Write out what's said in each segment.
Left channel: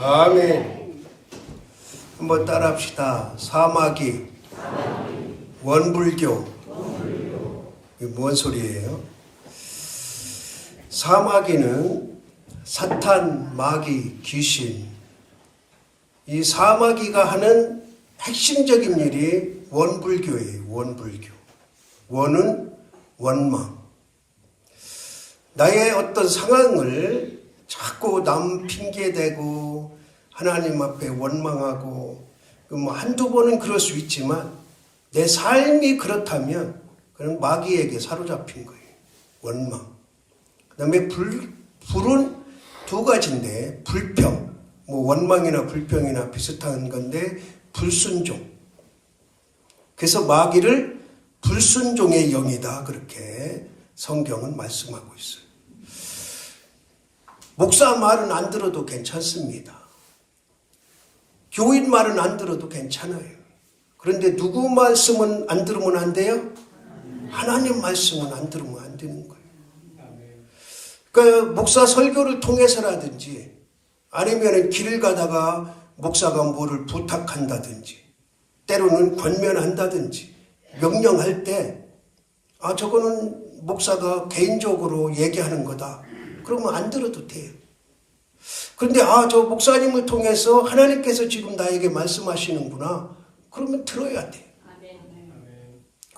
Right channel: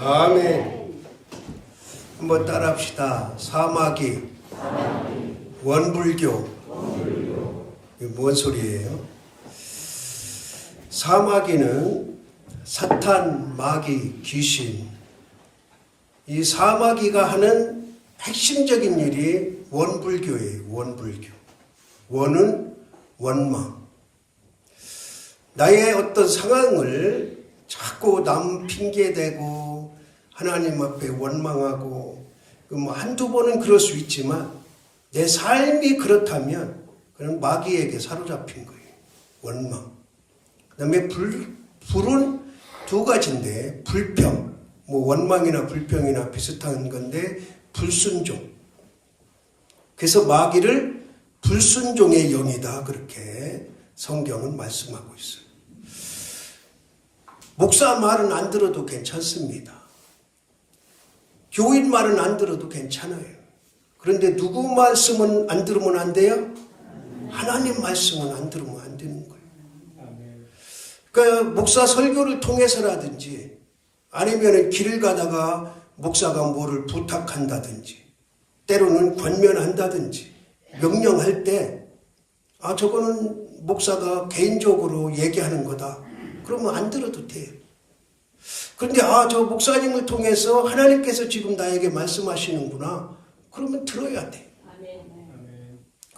아멘. 한번 따라합시다. 사마귀, 원불교. 이게 뭔 소리예요? 사마귀는 사탄, 마귀, 귀신. 이 사마귀가 하는 핵심적인 일이 원불교예요. 원불교. 원은 원망. 나의 어떤 상황을 자꾸 남 핑계대고 하나님 앞에 원망하고 뭐 한두 번은 그럴 수 있지만 내 삶이 그렇다면 그는 마귀에게 사로잡힌 거예요. 원망. 그 다음에 불은 두 가지인데 불평. 뭐 원망이나 불평이나 비슷한 건데 불순종. 그래서 마귀를 불순종의 영이다. 그렇게 성경은 말씀하고 있어요. 목사 말은 안 들어도 괜찮습니다. 교인 말은 안 들어도 괜찮아요. 그런데 누구 말씀은 안 들으면 안 돼요? 하나님 말씀은 안 들으면 안 되는 거예요. 그러니까 목사 설교를 통해서라든지 아니면 길을 가다가 목사가 뭐를 부탁한다든지 때로는 권면한다든지 명령할 때 저거는 목사가 개인적으로 얘기하는 거다. 그러면 안 들어도 돼요. 그런데 저 목사님을 통해서 하나님께서 지금 나에게 말씀하시는구나. 그러면 들어야 돼.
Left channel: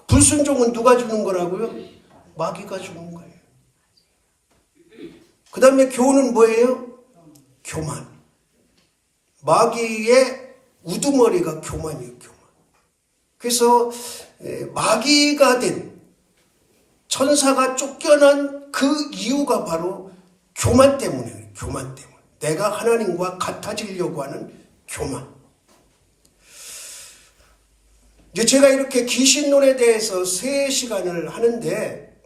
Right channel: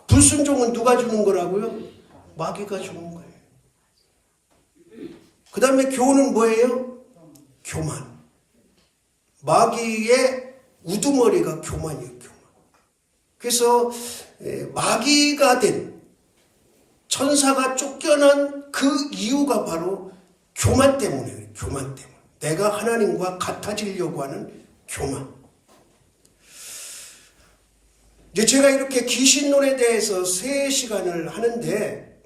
불순종은 누가 주는 거라고요? 마귀가 주는 거예요. 그 다음에 교훈은 뭐예요? 교만. 마귀의 우두머리가 교만이에요. 교만. 그래서 마귀가 된 천사가 쫓겨난 그 이유가 바로 교만 때문이에요. 교만 때문에. 내가 하나님과 같아지려고 하는 교만. 이제 제가 이렇게 귀신론에 대해서 3시간을 하는데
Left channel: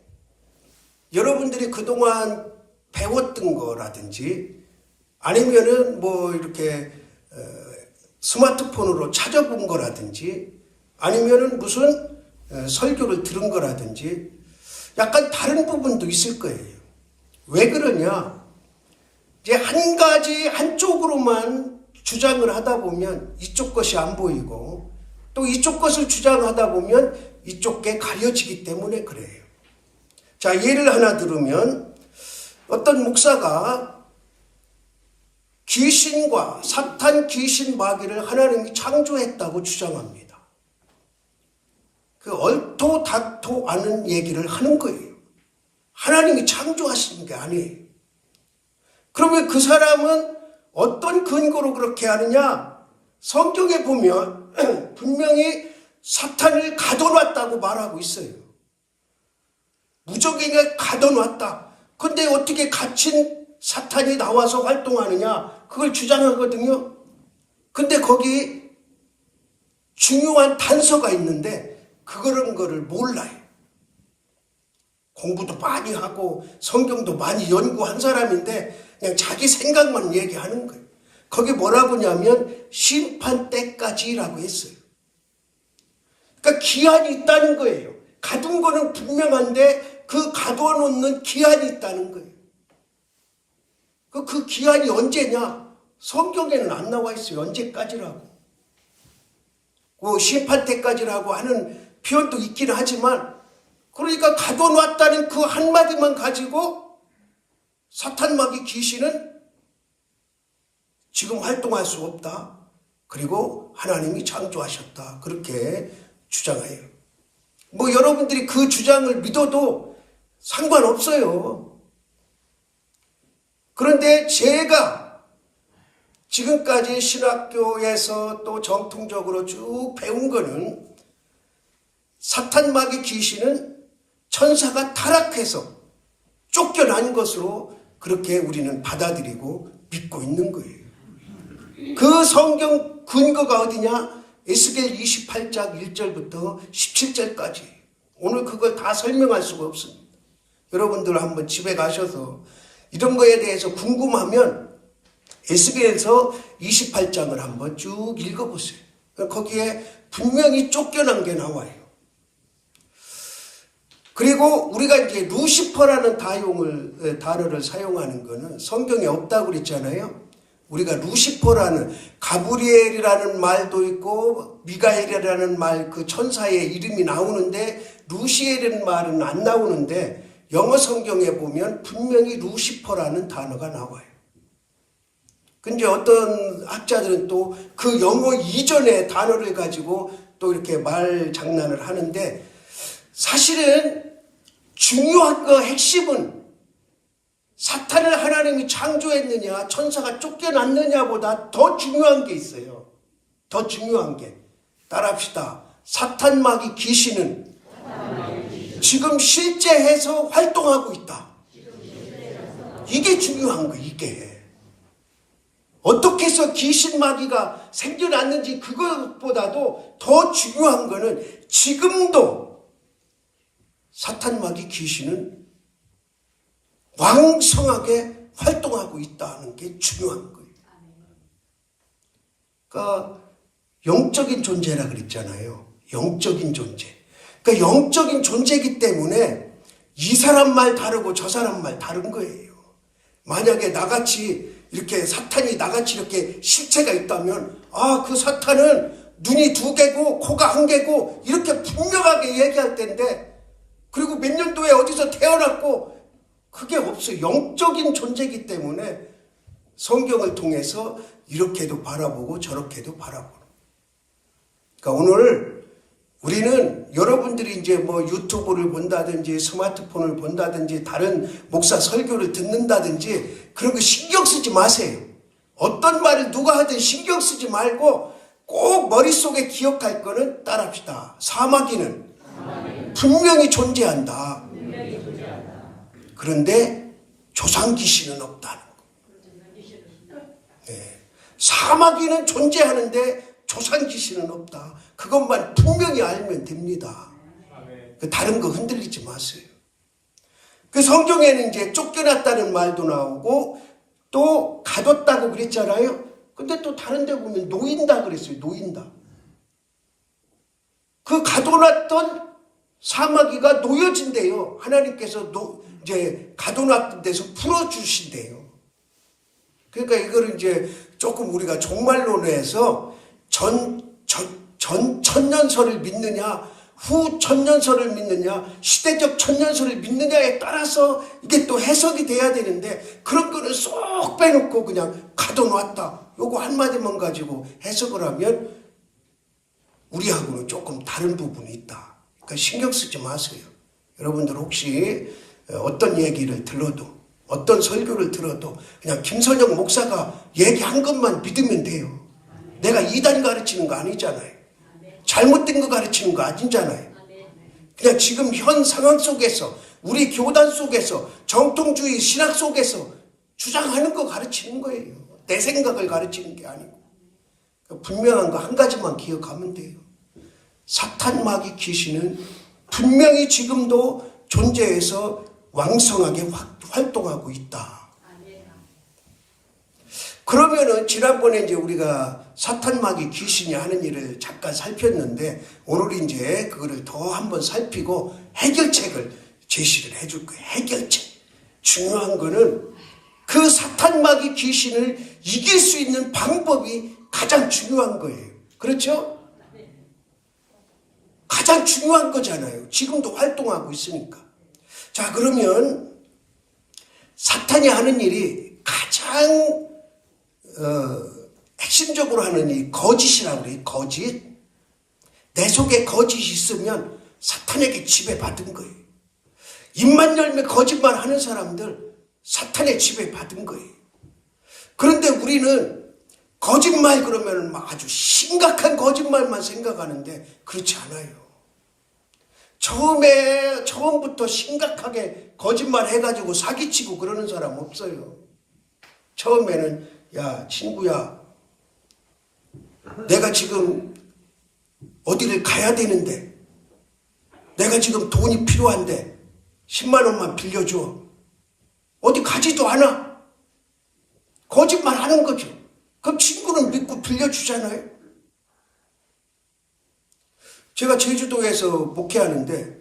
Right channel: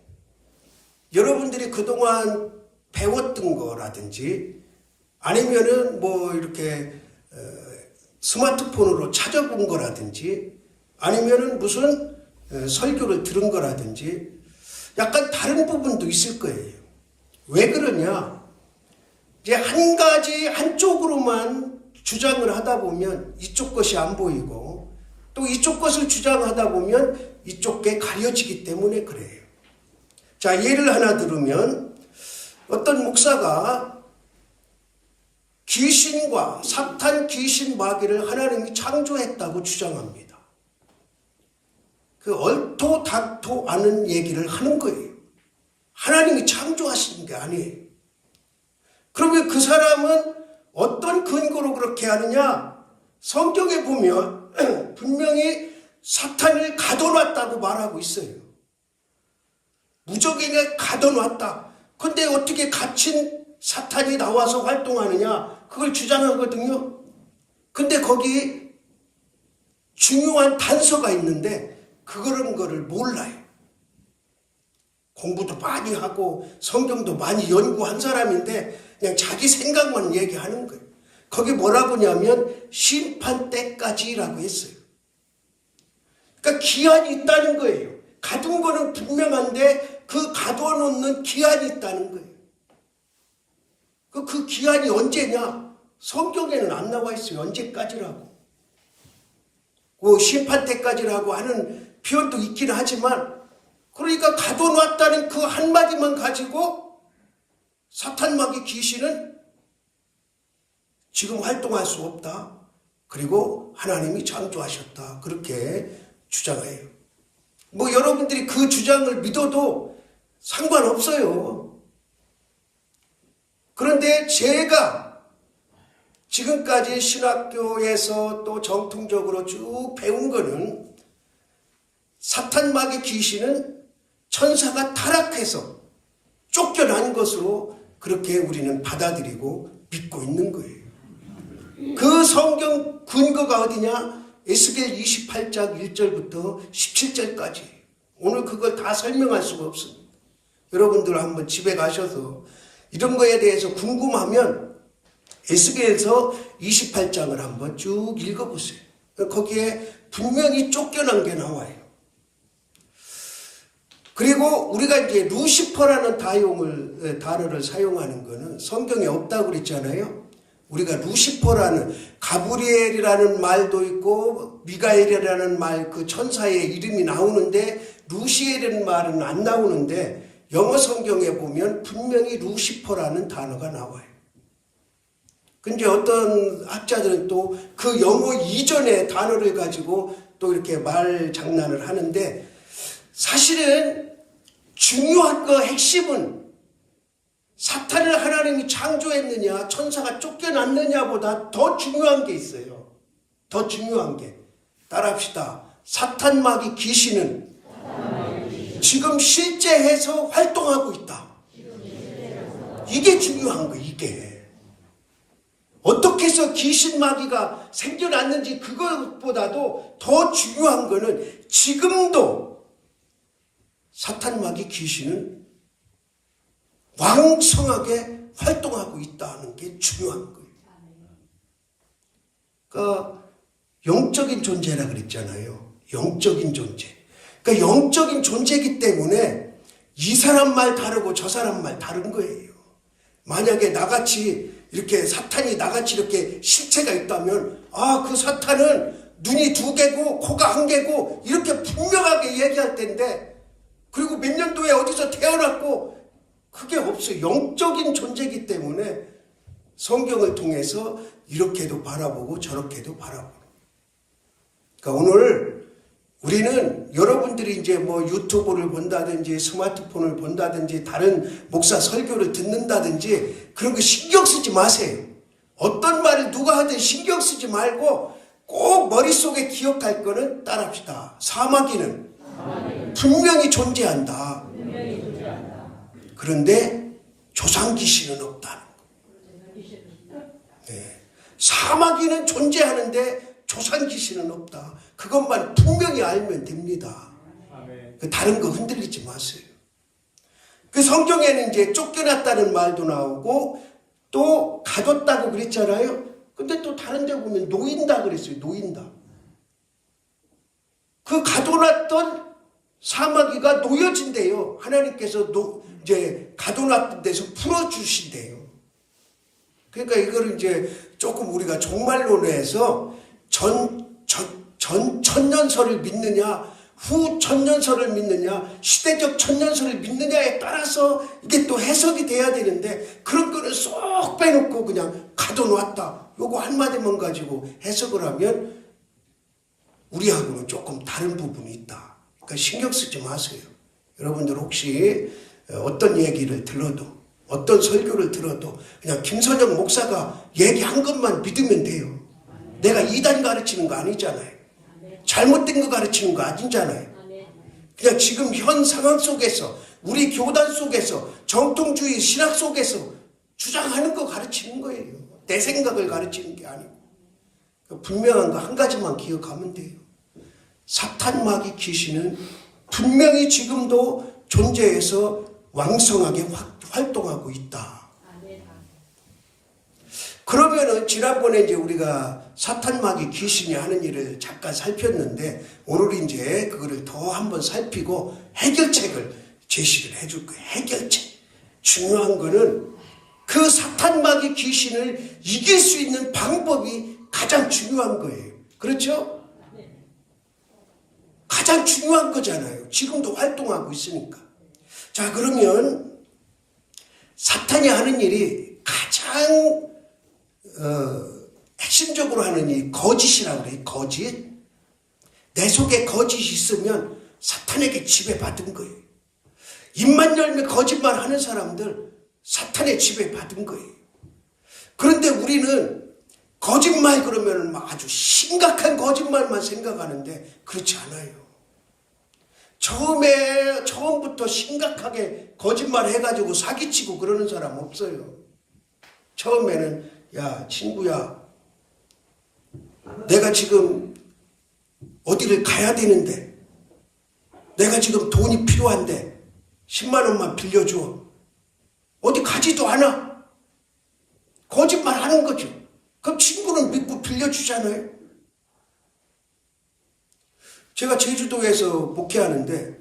여러분들이 그동안 배웠던 거라든지 아니면은 뭐 이렇게 스마트폰으로 찾아본 거라든지 아니면은 무슨 설교를 들은 거라든지 약간 다른 부분도 있을 거예요. 왜 그러냐? 이제 한 가지 한쪽으로만 주장을 하다 보면 이쪽 것이 안 보이고 또 이쪽 것을 주장하다 보면 이쪽 게 가려지기 때문에 그래요. 자, 예를 하나 들으면 어떤 목사가 귀신과 사탄, 귀신, 마귀를 하나님이 창조했다고 주장합니다. 그 얼토닥토 않은 얘기를 하는 거예요. 하나님이 창조하신 게 아니에요. 그러면 그 사람은 어떤 근거로 그렇게 하느냐? 성경에 보면 분명히 사탄을 가둬놨다고 말하고 있어요. 무적에게 가둬놨다. 근데 어떻게 갇힌 사탄이 나와서 활동하느냐? 그걸 주장하거든요. 근데 거기 중요한 단서가 있는데 그런 거를 몰라요. 공부도 많이 하고 성경도 많이 연구한 사람인데 그냥 자기 생각만 얘기하는 거예요. 거기 뭐라고 하냐면 심판 때까지라고 했어요. 그러니까 기한이 있다는 거예요. 가둔 거는 분명한데 그 가둬놓는 기한이 있다는 거예요. 그 기한이 언제냐? 성경에는 안 나와 있어요. 언제까지라고. 그 심판 때까지라고 하는 표현도 있긴 하지만 그러니까 가둬놨다는 그 한마디만 가지고 사탄, 마귀, 귀신은 지금 활동할 수 없다. 그리고 하나님이 창조하셨다. 그렇게 주장해요. 뭐 여러분들이 그 주장을 믿어도 상관없어요. 그런데 제가 지금까지 신학교에서 또 정통적으로 쭉 배운 거는 사탄, 마귀, 귀신은 천사가 타락해서 쫓겨난 것으로 그렇게 우리는 받아들이고 믿고 있는 거예요. 그 성경 근거가 어디냐? 에스겔 28장 1절부터 17절까지. 오늘 그걸 다 설명할 수가 없습니다. 여러분들 한번 집에 가셔서 이런 거에 대해서 궁금하면 에스겔에서 28장을 한번 쭉 읽어보세요. 거기에 분명히 쫓겨난 게 나와요. 그리고 우리가 이제 루시퍼라는 단어를 사용하는 거는 성경에 없다고 그랬잖아요. 우리가 루시퍼라는 가브리엘이라는 말도 있고 미가엘이라는 말 그 천사의 이름이 나오는데 루시엘이라는 말은 안 나오는데 영어 성경에 보면 분명히 루시퍼라는 단어가 나와요. 근데 어떤 학자들은 또 그 영어 이전의 단어를 가지고 또 이렇게 말 장난을 하는데 사실은 중요한 거 핵심은 사탄을 하나님이 창조했느냐 천사가 쫓겨났느냐보다 더 중요한 게 있어요. 더 중요한 게 따라합시다. 사탄 마귀 귀신은 지금 실제해서 활동하고 있다. 이게 중요한 거. 이게 어떻게 해서 귀신 마귀가 생겨났는지 그것보다도 더 중요한 거는 지금도 사탄 마귀 귀신은 왕성하게 활동하고 있다는 게 중요한 거예요. 그러니까 영적인 존재라 그랬잖아요. 영적인 존재. 그러니까 영적인 존재이기 때문에 이 사람 말 다르고 저 사람 말 다른 거예요. 만약에 나같이 이렇게 사탄이 나같이 이렇게 실체가 있다면 그 사탄은 눈이 2개고 코가 1개고 이렇게 분명하게 얘기할 텐데 그리고 몇 년도에 어디서 태어났고 그게 없어요. 영적인 존재이기 때문에 성경을 통해서 이렇게도 바라보고 저렇게도 바라보고. 그러니까 오늘 우리는 여러분들이 이제 뭐 유튜브를 본다든지 스마트폰을 본다든지 다른 목사 설교를 듣는다든지 그런 거 신경 쓰지 마세요. 어떤 말을 누가 하든 신경 쓰지 말고 꼭 머릿속에 기억할 거는 따라합시다. 사마귀는 분명히 존재한다. 그런데 조상귀신은 없다는 거. 네. 사마귀는 존재하는데 조상귀신은 없다. 그것만 분명히 알면 됩니다. 다른 거 흔들리지 마세요. 그 성경에는 이제 쫓겨났다는 말도 나오고 또 가뒀다고 그랬잖아요. 근데 또 다른 데 보면 놓인다 그랬어요. 놓인다. 그 가둬놨던 사마귀가 놓여진대요. 하나님께서 이제 가둬놨던 데서 풀어주신대요. 그러니까 이거를 이제 조금 우리가 종말론에서 전 천년설을 믿느냐, 후 천년설을 믿느냐, 시대적 천년설을 믿느냐에 따라서 이게 또 해석이 돼야 되는데 그런 거는 쏙 빼놓고 그냥 가둬놨다. 요거 한마디만 가지고 해석을 하면 우리하고는 조금 다른 부분이 있다. 그러니까 신경 쓰지 마세요. 여러분들 혹시 어떤 얘기를 들어도 어떤 설교를 들어도 그냥 김선영 목사가 얘기한 것만 믿으면 돼요. 내가 이단 가르치는 거 아니잖아요. 잘못된 거 가르치는 거 아니잖아요. 그냥 지금 현 상황 속에서 우리 교단 속에서 정통주의 신학 속에서 주장하는 거 가르치는 거예요. 내 생각을 가르치는 게 아니고. 분명한 거 한 가지만 기억하면 돼요. 사탄 마귀 귀신은 분명히 지금도 존재해서 왕성하게 활동하고 있다. 그러면은 지난번에 이제 우리가 사탄 마귀 귀신이 하는 일을 잠깐 살폈는데 오늘 이제 그거를 더 한번 살피고 해결책을 제시를 해줄 거예요. 해결책. 중요한 거는 그 사탄 마귀 귀신을 이길 수 있는 방법이 가장 중요한 거예요. 그렇죠? 가장 중요한 거잖아요. 지금도 활동하고 있으니까. 자, 그러면 사탄이 하는 일이 가장 핵심적으로 하는 이 거짓이라고 그래요. 거짓. 내 속에 거짓이 있으면 사탄에게 지배받은 거예요. 입만 열면 거짓말 하는 사람들 사탄의 지배받은 거예요. 그런데 우리는 거짓말 그러면 아주 심각한 거짓말만 생각하는데 그렇지 않아요. 처음부터 심각하게 거짓말 해가지고 사기치고 그러는 사람 없어요. 처음에는 야 친구야 내가 지금 어디를 가야 되는데 내가 지금 돈이 필요한데 10만 원만 빌려줘. 어디 가지도 않아. 거짓말 하는 거죠. 그럼 친구는 믿고 빌려주잖아요. 제가 제주도에서 목회하는데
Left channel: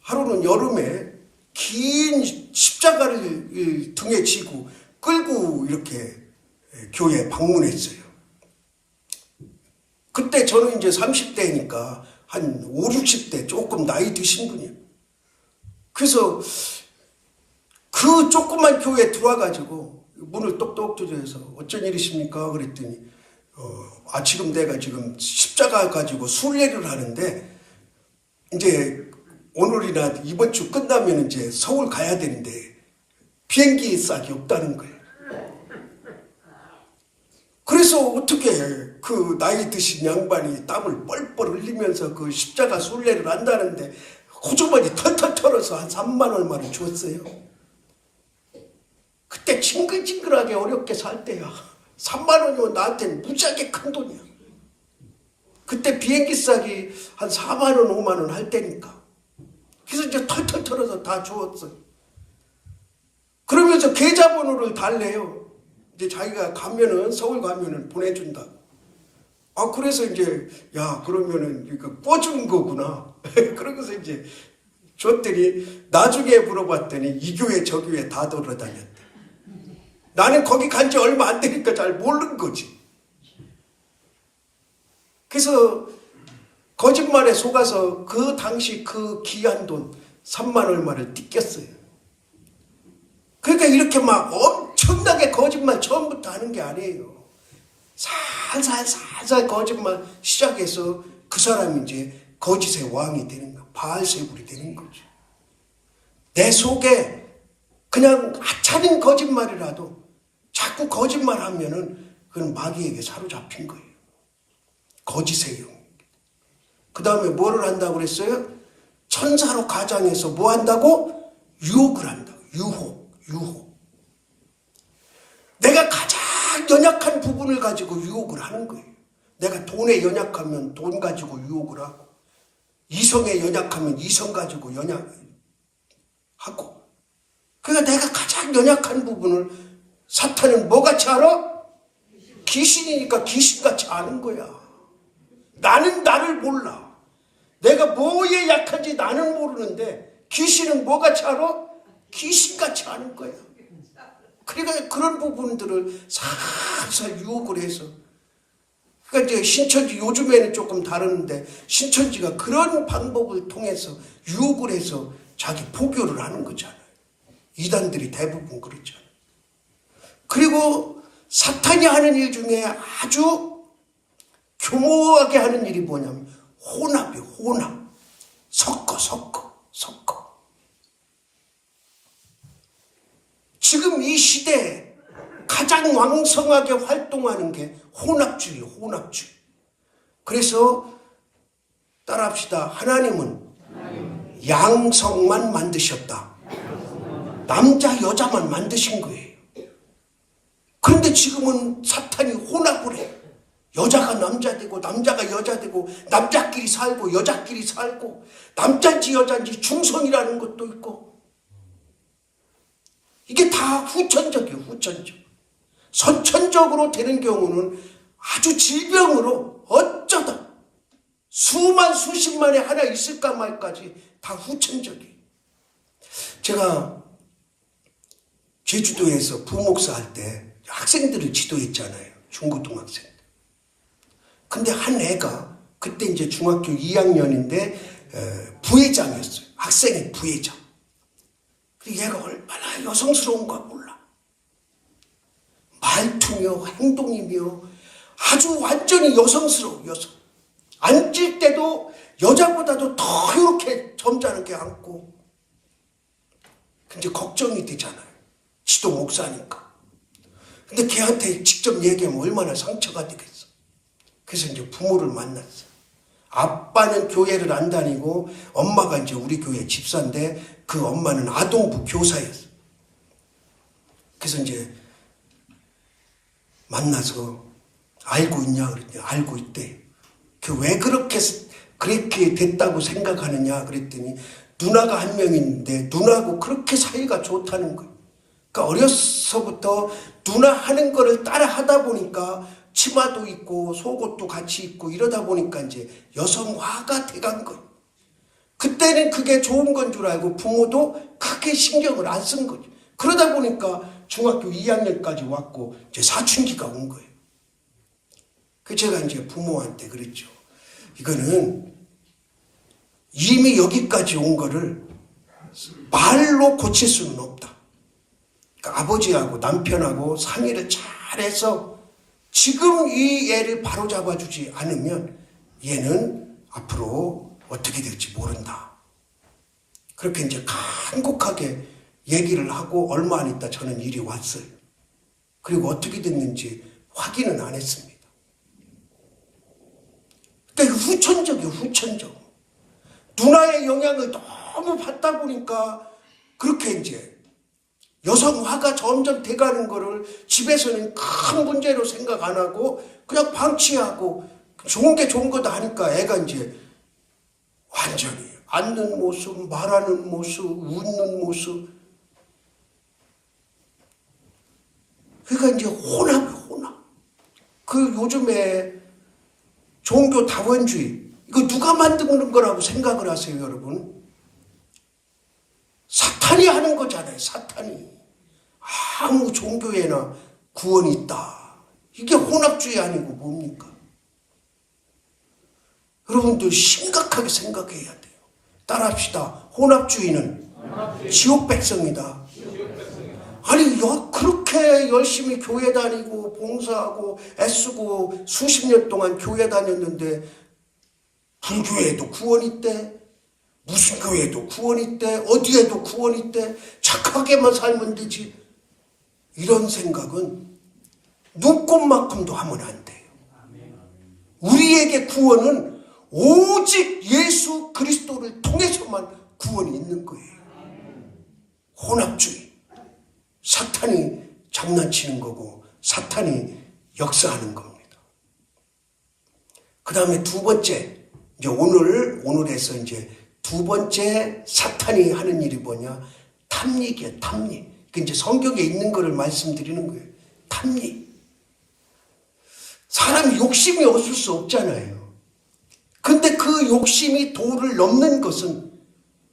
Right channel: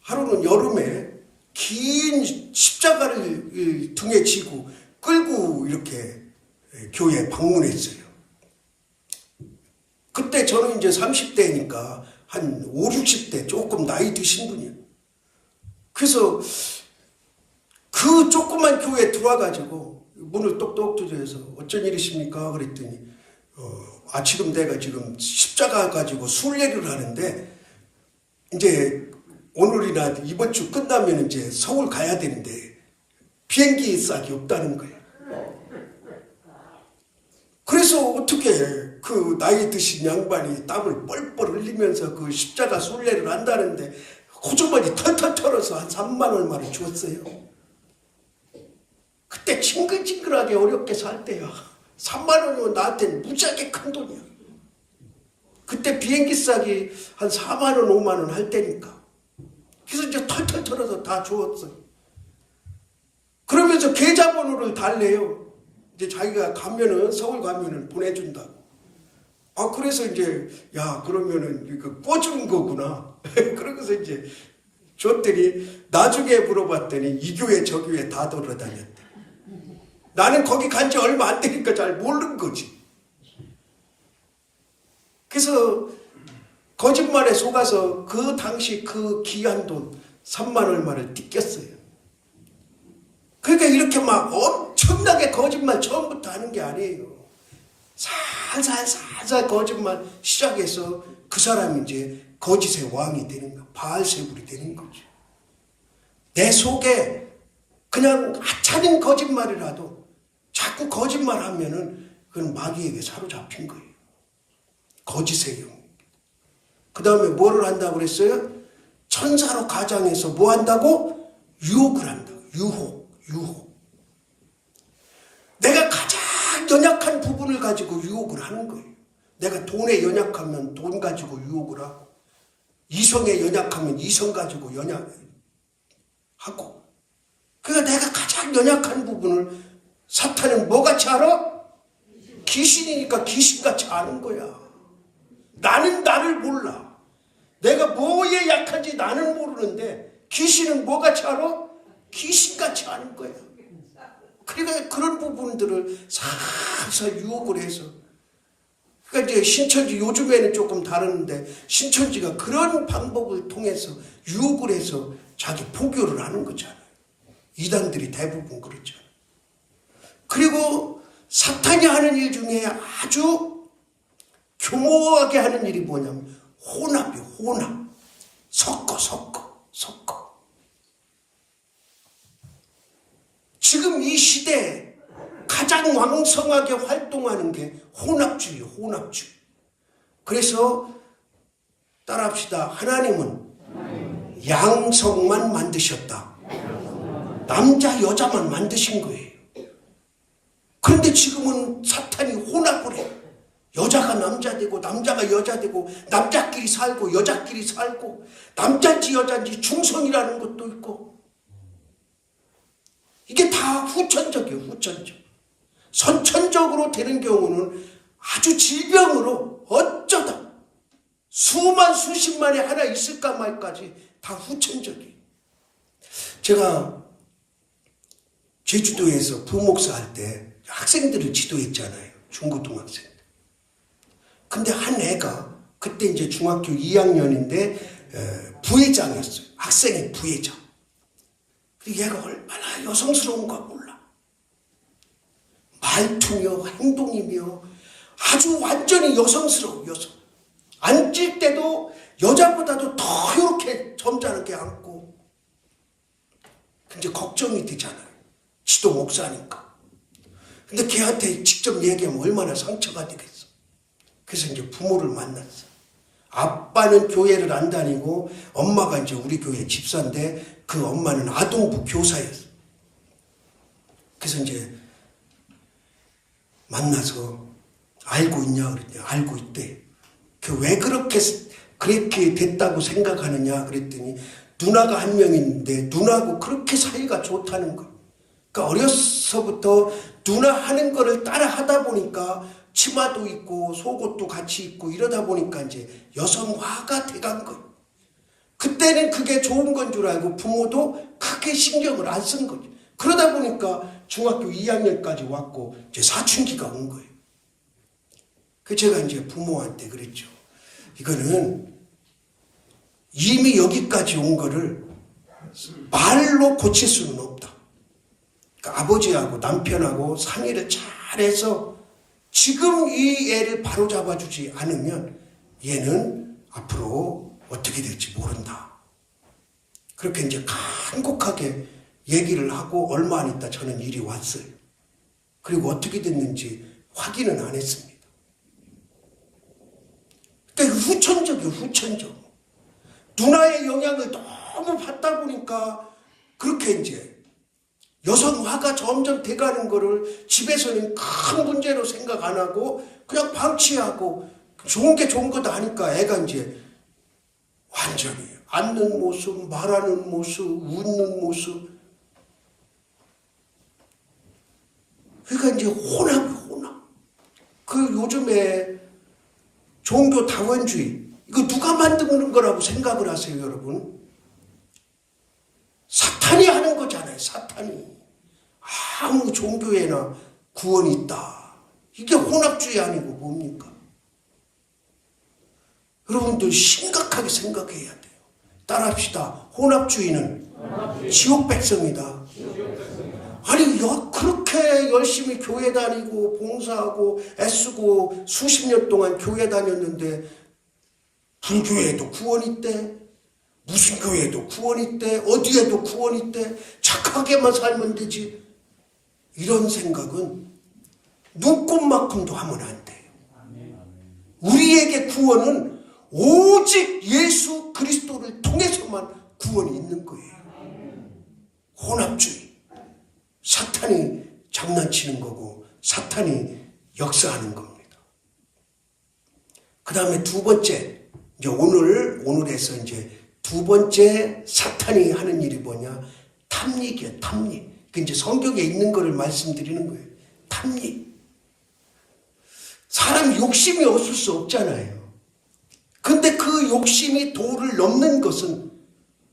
하루는 여름에 긴 십자가를 등에 지고 끌고 이렇게 교회 방문했어요. 그때 저는 이제 30대니까 한 5, 60대 조금 나이 드신 분이에요. 그래서 그 조그만 교회에 들어와가지고 문을 똑똑 두드려서 어쩐 일이십니까? 그랬더니 지금 내가 지금 십자가 가지고 순례를 하는데 이제 오늘이나 이번 주 끝나면 이제 서울 가야 되는데 비행기 싹이 없다는 거예요. 그래서 어떻게 그 나이 드신 양반이 땀을 뻘뻘 흘리면서 그 십자가 순례를 한다는데 호주머니 털털 털어서 한 3만 얼마를 줬어요. 그때 징글징글하게 어렵게 살 때야. 3만 원이면 나한테는 무지하게 큰 돈이야. 그때 비행기 싹이 한 4만 원, 5만 원 할 때니까. 그래서 이제 털털 털어서 다 주었어. 그러면서 계좌번호를 달래요. 이제 자기가 가면은, 서울 가면은 보내준다. 그래서 이제, 그러면은, 이거 꿔준 거구나. 그러고서 이제 줬더니, 나중에 물어봤더니, 이 교회, 저 교회 다 돌아다녔대. 나는 거기 간 지 얼마 안 되니까 잘 모르는 거지. 그래서, 거짓말에 속아서 그 당시 그 귀한 돈 3만 얼마를 띠꼈어요. 그러니까 이렇게 막 엄청나게 거짓말 처음부터 하는 게 아니에요. 살살 거짓말 시작해서 그 사람이 이제 거짓의 왕이 되는 거야. 바알세불이 되는 거죠. 내 속에 그냥 하찮은 거짓말이라도 자꾸 거짓말하면은 그건 마귀에게 사로잡힌 거예요. 거짓의 영. 그 다음에 뭐를 한다고 그랬어요? 천사로 가장해서 뭐 한다고? 유혹을 한다고. 유혹. 내가 가장 연약한 부분을 가지고 유혹을 하는 거예요. 내가 돈에 연약하면 돈 가지고 유혹을 하고, 이성에 연약하면 이성 가지고 하고. 그러니까 내가 가장 연약한 부분을 사탄은 뭐같이 알아? 귀신이니까 귀신같이 아는 거야. 나는 나를 몰라. 내가 뭐에 약한지 나는 모르는데 귀신은 뭐같이 알아? 귀신같이 아는 거야. 그러니까 그런 부분들을 살살 유혹을 해서, 그러니까 이제 신천지 요즘에는 조금 다른데 신천지가 그런 방법을 통해서 유혹을 해서 자기 포교를 하는 거잖아요. 이단들이 대부분 그렇잖아요. 그리고 사탄이 하는 일 중에 아주 교모하게 하는 일이 뭐냐면 혼합이에요. 혼합. 섞어. 지금 이 시대에 가장 왕성하게 활동하는 게 혼합주의예요. 혼합주의. 그래서 따라합시다. 하나님은 양성만 만드셨다. 남자 여자만 만드신 거예요. 그런데 지금은 사탄이 혼합을 해. 여자가 남자 되고 남자가 여자 되고 남자끼리 살고 여자끼리 살고 남자인지 여자인지 중성이라는 것도 있고, 이게 다 후천적이에요. 후천적. 선천적으로 되는 경우는 아주 질병으로 어쩌다 수십만에 하나 있을까 말까지 다 후천적이에요. 제가 제주도에서 부목사 할 때 학생들을 지도했잖아요. 중고등학생. 근데 한 애가 그때 이제 중학교 2학년인데 부회장이었어요. 학생의 부회장. 얘가 얼마나 여성스러운가 몰라. 말투며 행동이며 아주 완전히 여성스러워. 여성. 앉을 때도 여자보다도 더 이렇게 점잖게 앉고. 근데 걱정이 되잖아요. 지도 목사니까. 근데 걔한테 직접 얘기하면 얼마나 상처가 되겠어. 그래서 이제 부모를 만났어. 아빠는 교회를 안 다니고 엄마가 이제 우리 교회 집사인데 그 엄마는 아동부 교사였어. 그래서 이제 만나서 알고 있냐 그랬더니 알고 있대. 그 왜 그렇게 됐다고 생각하느냐 그랬더니 누나가 한 명 있는데 누나하고 그렇게 사이가 좋다는 거. 그러니까 어려서부터 누나 하는 거를 따라 하다 보니까 치마도 입고 속옷도 같이 입고 이러다 보니까 이제 여성화가 돼간 거. 그때는 그게 좋은 건 줄 알고 부모도 크게 신경을 안 쓴 거지. 그러다 보니까 중학교 2학년까지 왔고 제 사춘기가 온 거예요. 그 제가 이제 부모한테 그랬죠. 이거는 이미 여기까지 온 거를 말로 고칠 수는 없다. 그러니까 아버지하고 남편하고 상의를 잘해서 지금 이 애를 바로잡아주지 않으면 얘는 앞으로 어떻게 될지 모른다. 그렇게 이제 간곡하게 얘기를 하고 얼마 안 있다 저는 일이 왔어요. 그리고 어떻게 됐는지 확인은 안 했습니다. 그러니까 후천적이에요, 후천적. 누나의 영향을 너무 받다 보니까 그렇게 이제 여성화가 점점 돼가는 거를 집에서는 큰 문제로 생각 안 하고 그냥 방치하고 좋은 게 좋은 거다 하니까 애가 이제 완전히 앉는 모습, 말하는 모습, 웃는 모습. 그러니까 이제 혼합. 그 요즘에 종교 다원주의, 이거 누가 만드는 거라고 생각을 하세요, 여러분? 사탄이 하는 거잖아요, 사탄이. 아무 종교에나 구원이 있다. 이게 혼합주의 아니고 뭡니까? 여러분들 심각하게 생각해야 돼요. 따라합시다. 혼합주의는 지옥 백성이다. 아니, 그렇게 열심히 교회 다니고 봉사하고 애쓰고 수십 년 동안 교회 다녔는데 불교에도 구원 있대. 무슨 교회에도 구원 있대. 어디에도 구원 있대. 착하게만 살면 되지. 이런 생각은 눈꼽만큼도 하면 안 돼요. 우리에게 구원은 오직 예수 그리스도를 통해서만 구원이 있는 거예요. 혼합주의. 사탄이 장난치는 거고 사탄이 역사하는 겁니다. 그 다음에 두 번째, 이제 오늘에서 이제 두 번째 사탄이 하는 일이 뭐냐? 탐닉이에요, 탐닉. 그 이제 성경에 있는 거를 말씀드리는 거예요. 탐닉. 사람 욕심이 없을 수 없잖아요. 근데 그 욕심이 도를 넘는 것은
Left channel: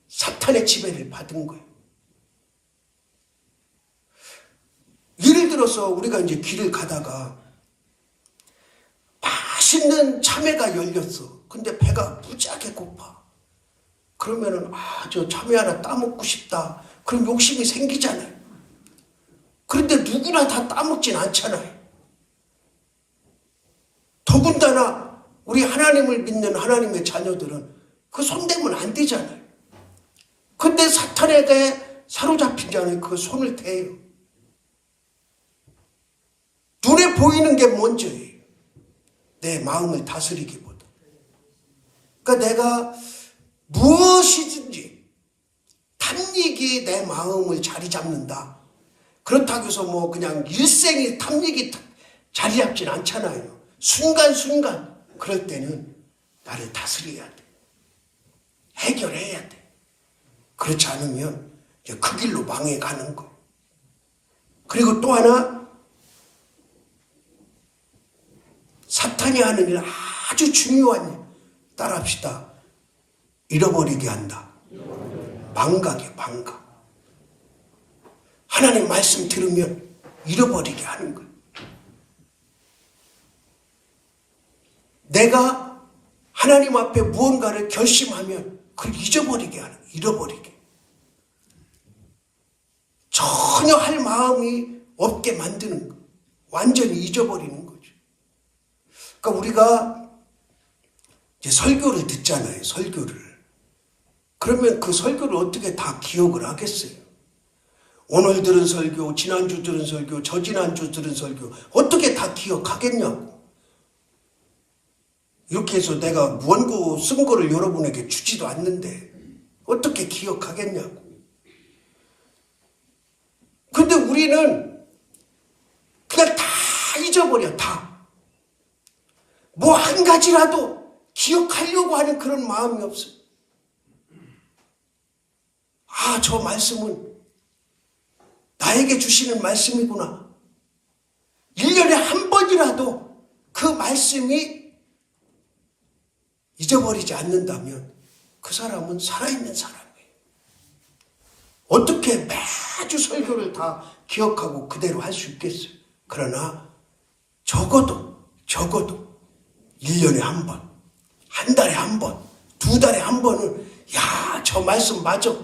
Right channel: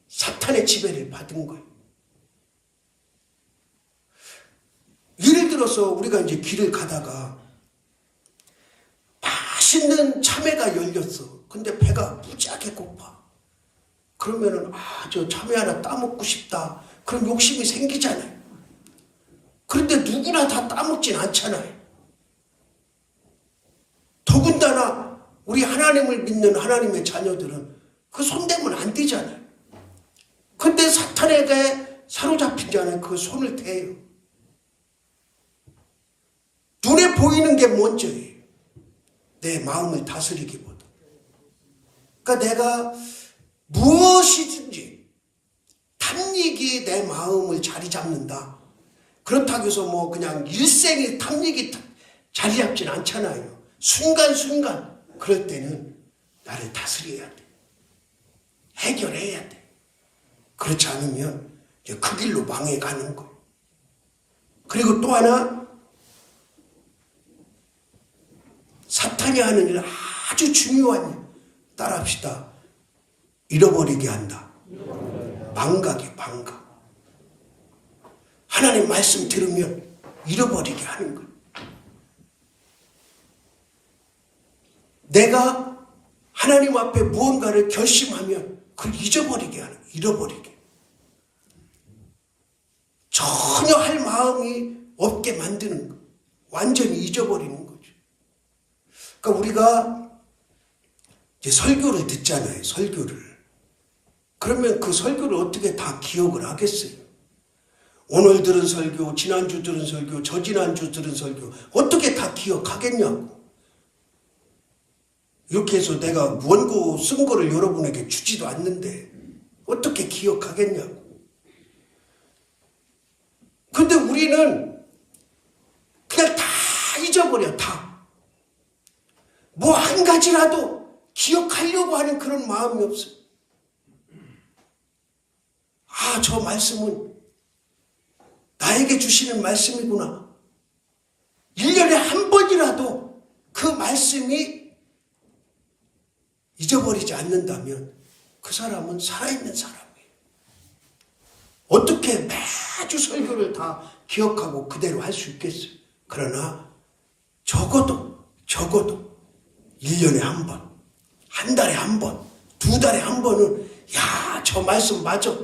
사탄의 지배를 받은 거예요. 예를 들어서 우리가 이제 길을 가다가 맛있는 참외가 열렸어. 근데 배가 무지하게 고파. 그러면은 저 참외 하나 따먹고 싶다. 그럼 욕심이 생기잖아요. 그런데 누구나 다 따먹진 않잖아요. 더군다나 우리 하나님을 믿는 하나님의 자녀들은 그 손대면 안 되잖아요. 근데 사탄에게 사로잡힌 자는 그 손을 대요. 눈에 보이는 게 먼저예요. 내 마음을 다스리기보다. 그러니까 내가 무엇이든지 탐닉이 내 마음을 자리 잡는다. 그렇다고 해서 뭐 그냥 일생에 탐닉이 자리 잡진 않잖아요. 순간순간 그럴 때는 나를 다스려야 돼. 해결해야 돼. 그렇지 않으면 이제 그 길로 망해가는 거. 그리고 또 하나, 사탄이 하는 일 아주 중요한 일. 따라합시다. 잃어버리게 한다. 망각이에요, 망각. 하나님 말씀 들으면 잃어버리게 하는 거예요. 내가 하나님 앞에 무언가를 결심하면 그걸 잊어버리게 하는 거예요. 잃어버리게. 전혀 할 마음이 없게 만드는 거예요. 완전히 잊어버리는 거죠. 그러니까 우리가 이제 설교를 듣잖아요. 설교를. 그러면 그 설교를 어떻게 다 기억을 하겠어요? 오늘 들은 설교, 지난주 들은 설교, 저지난주 들은 설교 어떻게 다 기억하겠냐고. 이렇게 해서 내가 원고 쓴 거를 여러분에게 주지도 않는데 어떻게 기억하겠냐고. 근데 우리는 그냥 다 잊어버려, 다. 뭐 한 가지라도 기억하려고 하는 그런 마음이 없어요. 저 말씀은 나에게 주시는 말씀이구나. 1년에 한 번이라도 그 말씀이 잊어버리지 않는다면 그 사람은 살아있는 사람이에요. 어떻게 매주 아주 설교를 다 기억하고 그대로 할 수 있겠어요. 그러나 적어도 1년에 한 번, 한 달에 한 번, 2달에 한 번은 야, 저 말씀 맞아.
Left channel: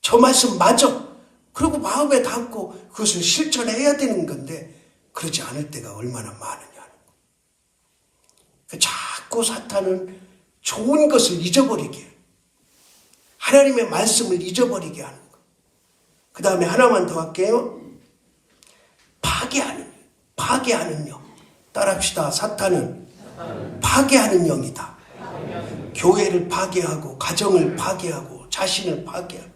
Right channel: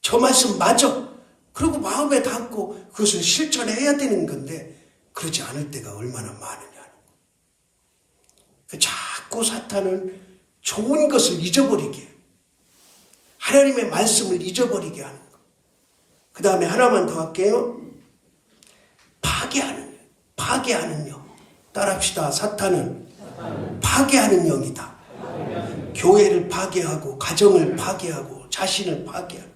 저 말씀 맞아. 그리고 마음에 담고 그것을 실천해야 되는 건데 그러지 않을 때가 얼마나 많으냐는 거. 자꾸 사탄은 좋은 것을 잊어버리게, 하나님의 말씀을 잊어버리게 하는 거. 그 다음에 하나만 더 할게요. 파괴하는 영. 따라합시다. 사탄은 파괴하는 영이다. 교회를 파괴하고 가정을 파괴하고 자신을 파괴하고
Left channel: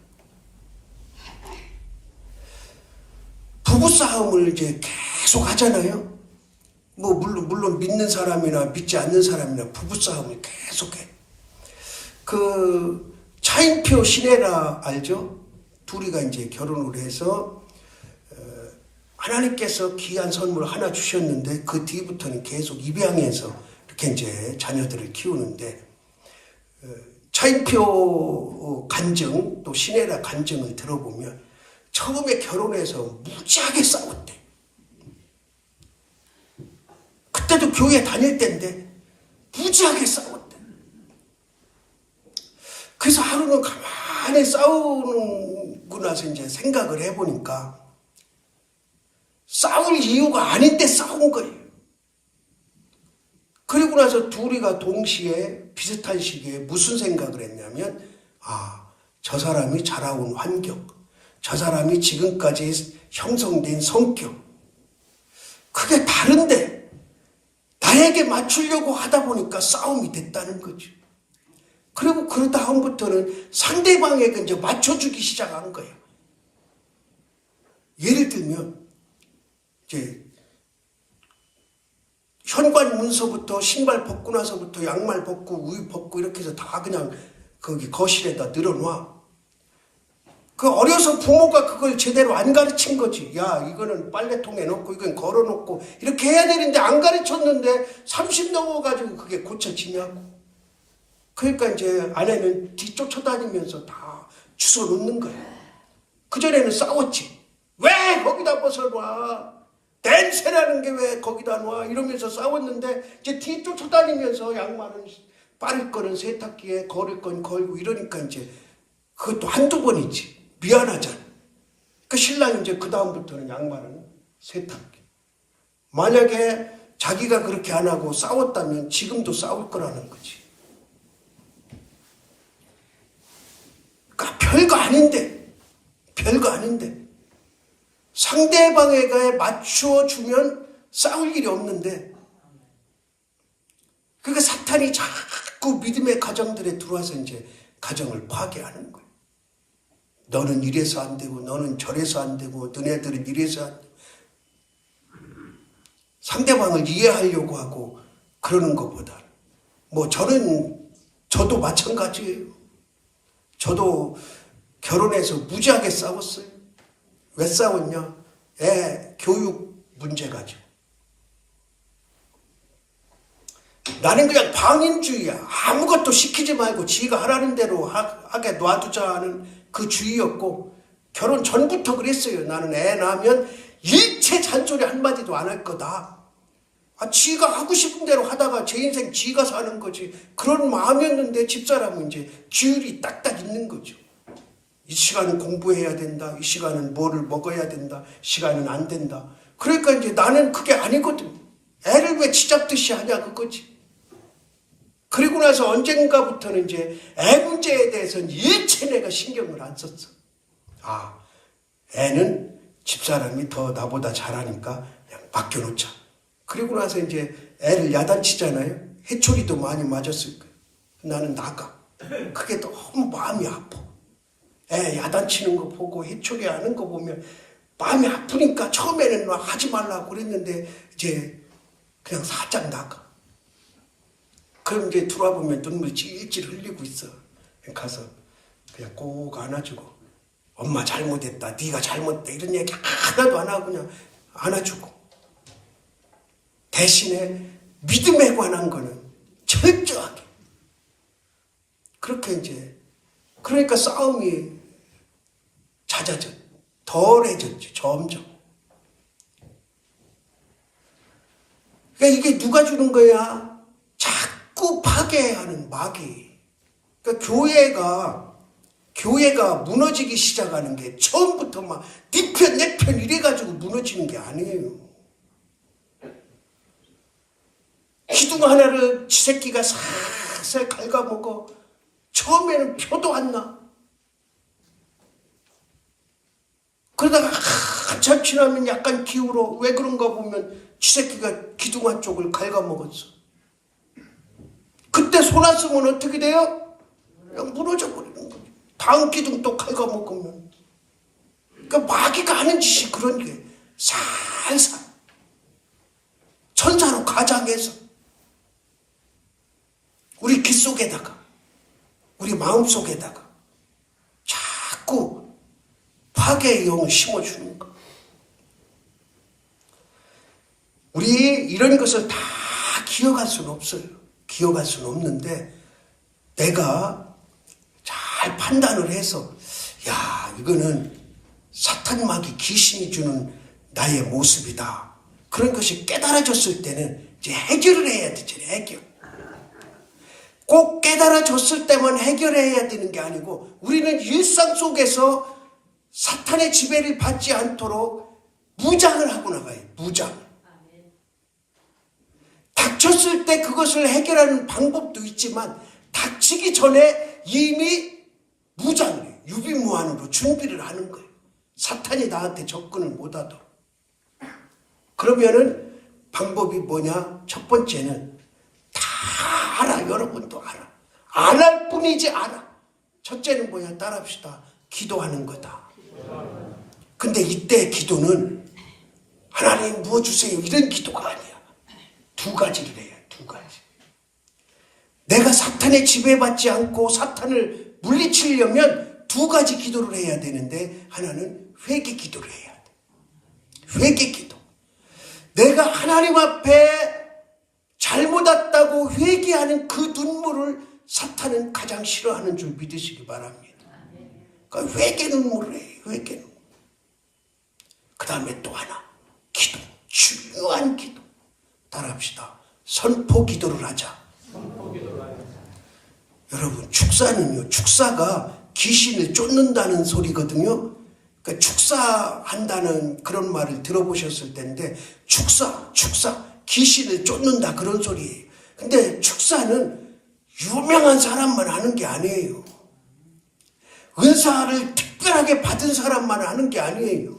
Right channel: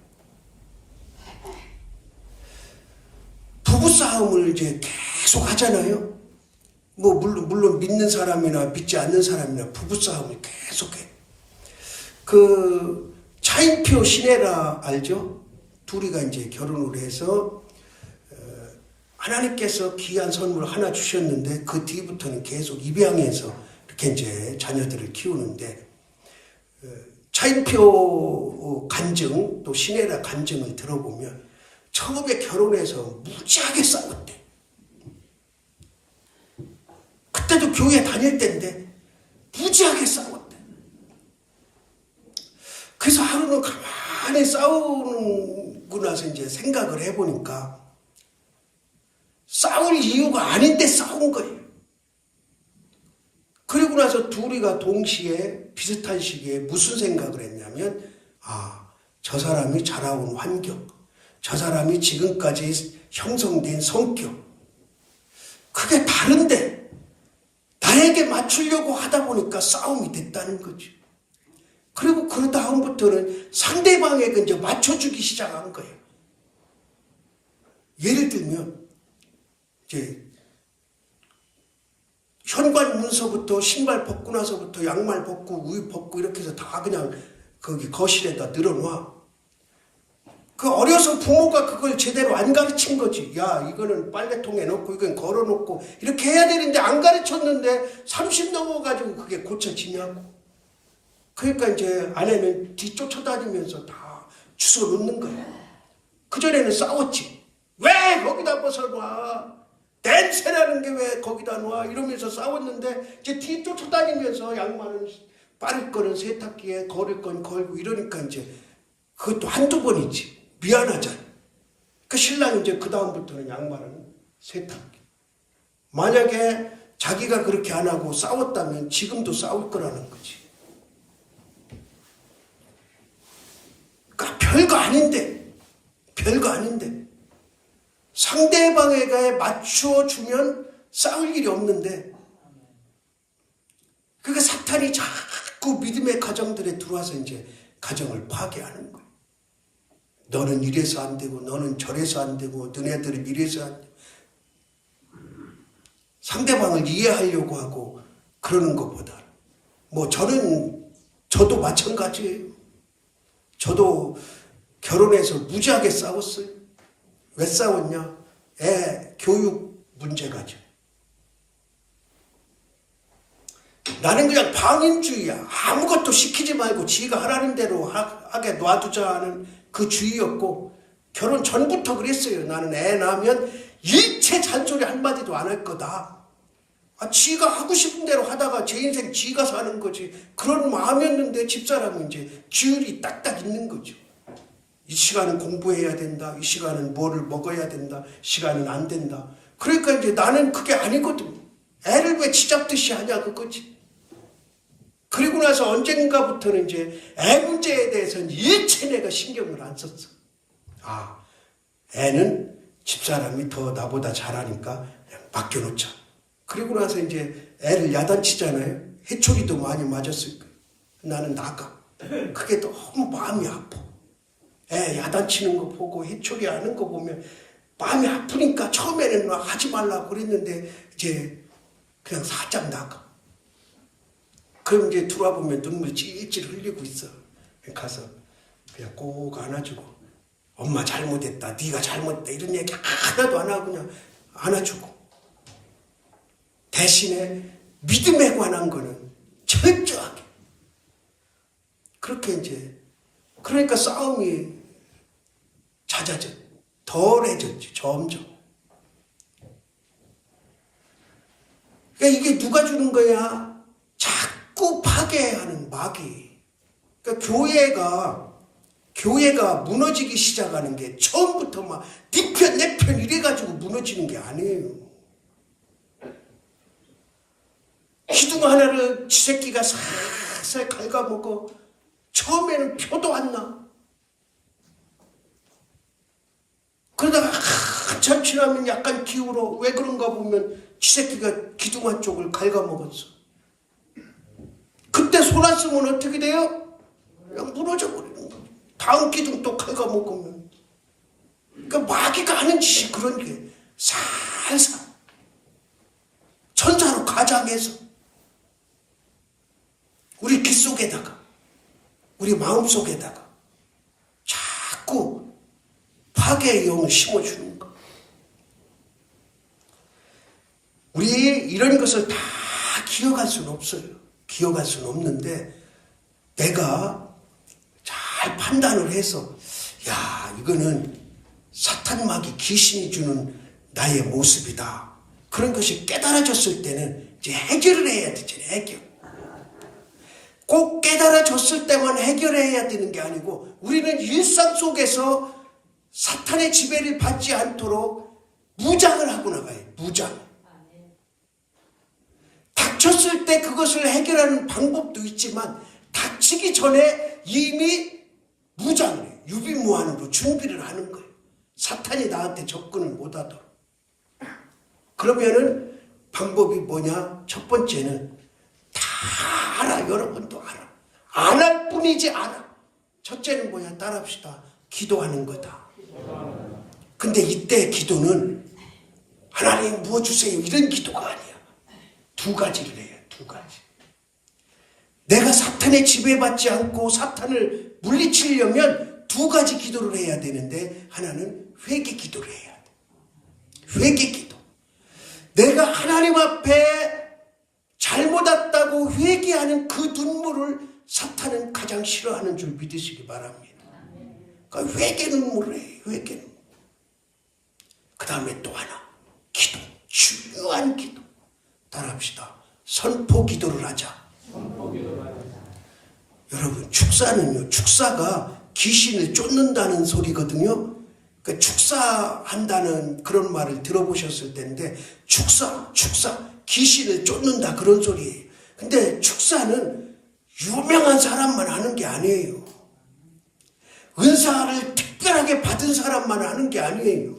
부부싸움을 이제 계속 하잖아요. 뭐 물론 믿는 사람이나 믿지 않는 사람이나 부부싸움을 계속해. 그 차인표 신혜라 알죠? 둘이가 이제 결혼을 해서 하나님께서 귀한 선물 하나 주셨는데 그 뒤부터는 계속 입양해서 이렇게 이제 자녀들을 키우는데 차인표 간증 또 신혜라 간증을 들어보면 처음에 결혼해서 무지하게 싸웠대. 그때도 교회 다닐 때인데 무지하게 싸웠대. 그래서 하루는 가만히 싸우고 나서 이제 생각을 해보니까 싸울 이유가 아닌데 싸운 거예요. 그리고 나서 둘이가 동시에 비슷한 시기에 무슨 생각을 했냐면 저 사람이 자라온 환경, 저 사람이 지금까지 형성된 성격 그게 다른데 나에게 맞추려고 하다 보니까 싸움이 됐다는 거죠. 그리고 그 다음부터는 상대방에게 이제 맞춰주기 시작한 거예요. 예를 들면 이제 현관 문서부터 신발 벗고 나서부터 양말 벗고 우유 벗고 이렇게 해서 다 그냥 거기 거실에다 늘어놔. 그 어려서 부모가 그걸 제대로 안 가르친 거지. 야, 이거는 빨래통에 넣고 이건 걸어놓고 이렇게 해야 되는데 안 가르쳤는데 30 넘어가지고 그게 고쳐지냐고. 그러니까 이제 아내는 뒤쫓아다니면서 다 주워 놓는 거야. 그전에는 싸웠지. 왜 거기다 벗어놔? 냄새나는 게 왜 거기다 놔? 이러면서 싸웠는데 이제 뒤쫓아다니면서 양말은 빠를 거는 세탁기에 걸을 건 걸고 이러니까 이제 그것도 한두 번이지. 미안하잖아. 그 신랑이 이제 그 다음부터는 양말은 세탁기. 만약에 자기가 그렇게 안 하고 싸웠다면 지금도 싸울 거라는 거지. 그러니까 별거 아닌데 상대방에게 맞추어 주면 싸울 일이 없는데 그러니까 사탄이 자꾸 믿음의 가정들에 들어와서 이제 가정을 파괴하는 거예요. 너는 이래서 안 되고 너는 저래서 안 되고 너네들은 이래서 안 되고 상대방을 이해하려고 하고 그러는 것보다 뭐 저도 마찬가지예요. 저도 결혼해서 무지하게 싸웠어요. 왜 싸웠냐? 애 교육 문제가죠. 나는 그냥 방임주의야. 아무것도 시키지 말고 지가 하라는 대로 하게 놔두자 하는 그 주의였고 결혼 전부터 그랬어요. 나는 애 낳으면 일체 잔소리 한마디도 안 할 거다. 지가 하고 싶은 대로 하다가 제 인생 지가 사는 거지. 그런 마음이었는데 집사람은 이제 규율이 딱딱 있는 거죠. 이 시간은 공부해야 된다. 이 시간은 뭐를 먹어야 된다. 시간은 안 된다. 그러니까 이제 나는 그게 아니거든. 애를 왜 쥐잡듯이 하냐 그거지. 그리고 나서 언젠가부터는 이제 애 문제에 대해서는 일체 내가 신경을 안 썼어. 애는 집사람이 더 나보다 잘하니까 그냥 맡겨놓자. 그리고 나서 이제 애를 야단치잖아요. 해초리도 많이 맞았을 거예요. 나는 나가. 그게 너무 마음이 아파. 애 야단치는 거 보고 해초리 하는 거 보면 마음이 아프니까 처음에는 막 하지 말라고 그랬는데 이제 그냥 살짝 나가. 그럼 이제 들어와보면 눈물 찔찔 흘리고 있어. 가서 그냥 꼭 안아주고 엄마 잘못했다. 네가 잘못했다. 이런 얘기 하나도 안 하고 그냥 안아주고 대신에 믿음에 관한 거는 철저하게 그렇게 이제 그러니까 싸움이 잦아져. 덜해졌지, 점점. 그러니까 이게 누가 주는 거야? 자꾸 파괴하는 마귀. 그러니까 교회가 무너지기 시작하는 게 처음부터 막 네 편, 내 편 이래가지고 무너지는 게 아니에요. 기둥 하나를 지 새끼가 살살 갉아먹어. 처음에는 표도 안 나. 그러다가 한참 지나면 약간 기울어. 왜 그런가 보면 지 새끼가 기둥 한쪽을 갉아먹었어. 그때 손 안 쓰면 어떻게 돼요? 그냥 무너져 버리는 거예요. 다음 기둥 또 갉아먹으면. 그러니까 마귀가 하는 짓이 그런 게 살살 천사로 가장해서 우리 귀 속에다가 우리 마음 속에다가 자꾸 파괴의 영을 심어주는 거. 우리 이런 것을 다 기억할 수는 없어요. 기억할 수는 없는데 내가 잘 판단을 해서 야, 이거는 사탄 마귀 귀신이 주는 나의 모습이다. 그런 것이 깨달아졌을 때는 이제 해결을 해야 되잖아요. 해결. 꼭 깨달아졌을 때만 해결해야 되는 게 아니고 우리는 일상 속에서 사탄의 지배를 받지 않도록 무장을 하고 나가요. 무장. 닥쳤을 때 그것을 해결하는 방법도 있지만 닥치기 전에 이미 무장을 해요. 유비무환으로 준비를 하는 거예요. 사탄이 나한테 접근을 못하도록. 그러면은 방법이 뭐냐? 첫 번째는 다 알아. 여러분도 알아. 안 할 뿐이지 알아. 첫째는 뭐야? 따라합시다. 기도하는 거다. 근데 이때 기도는 하나님 뭐 주세요 이런 기도가 아니야. 두 가지를 해요. 두 가지. 내가 사탄에 지배받지 않고 사탄을 물리치려면 두 가지 기도를 해야 되는데 하나는 회개 기도를 해야 돼. 회개 기도. 내가 하나님 앞에 잘못 왔다고 회개하는 그 눈물을 사탄은 가장 싫어하는 줄 믿으시기 바랍니다. 그러니까 회개 눈물을 해요. 회개 눈물. 그 다음에 또 하나. 기도. 중요한 기도. 따라합시다. 선포 기도를 하자. 여러분, 축사는요. 축사가 귀신을 쫓는다는 소리거든요. 그러니까 축사한다는 그런 말을 들어보셨을 텐데 축사, 귀신을 쫓는다 그런 소리예요. 근데 축사는 유명한 사람만 하는 게 아니에요. 은사를 특별하게 받은 사람만 하는 게 아니에요.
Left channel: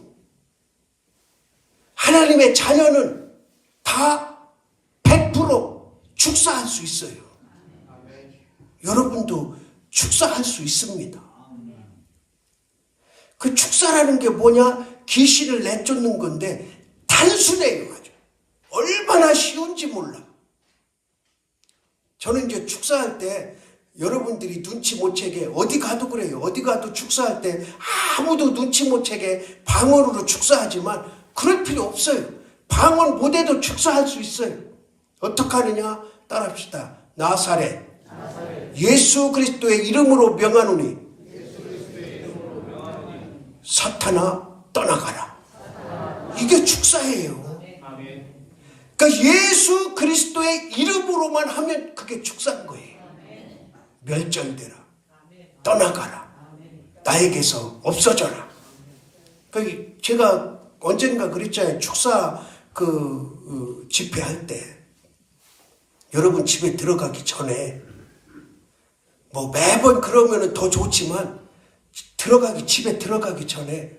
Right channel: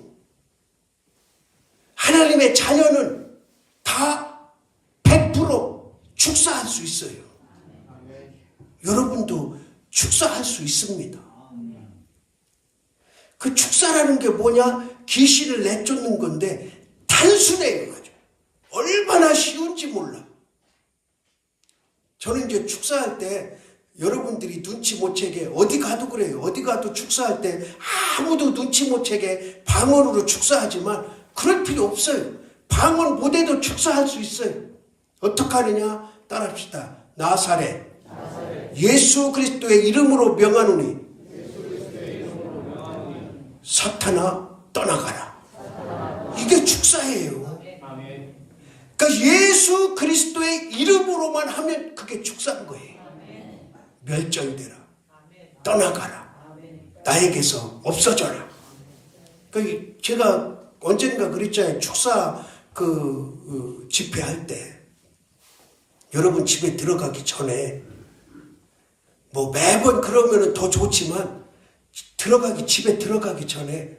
하나님의 자녀는 다 100% 축사할 수 있어요. 여러분도 축사할 수 있습니다. 그 축사라는 게 뭐냐? 귀신을 내쫓는 건데 단순해요. 아주. 얼마나 쉬운지 몰라. 저는 이제 축사할 때 여러분들이 눈치 못 채게 어디 가도 그래요. 어디 가도 축사할 때 아무도 눈치 못 채게 방언으로 축사하지만 그럴 필요 없어요. 방언 못해도 축사할 수 있어요. 어떻게 하느냐? 따라합시다. 나사렛 예수 그리스도의 이름으로 명하노니 사탄아 떠나가라. 이게 축사예요. 그러니까 예수 그리스도의 이름으로만 하면 그게 축사인 거예요. 멸절되라. 떠나가라. 나에게서 없어져라. 그러니까 제가 언젠가 그랬잖아요. 축사 집회할 때 여러분 집에 들어가기 전에 뭐 매번 그러면은 더 좋지만 집에 들어가기 전에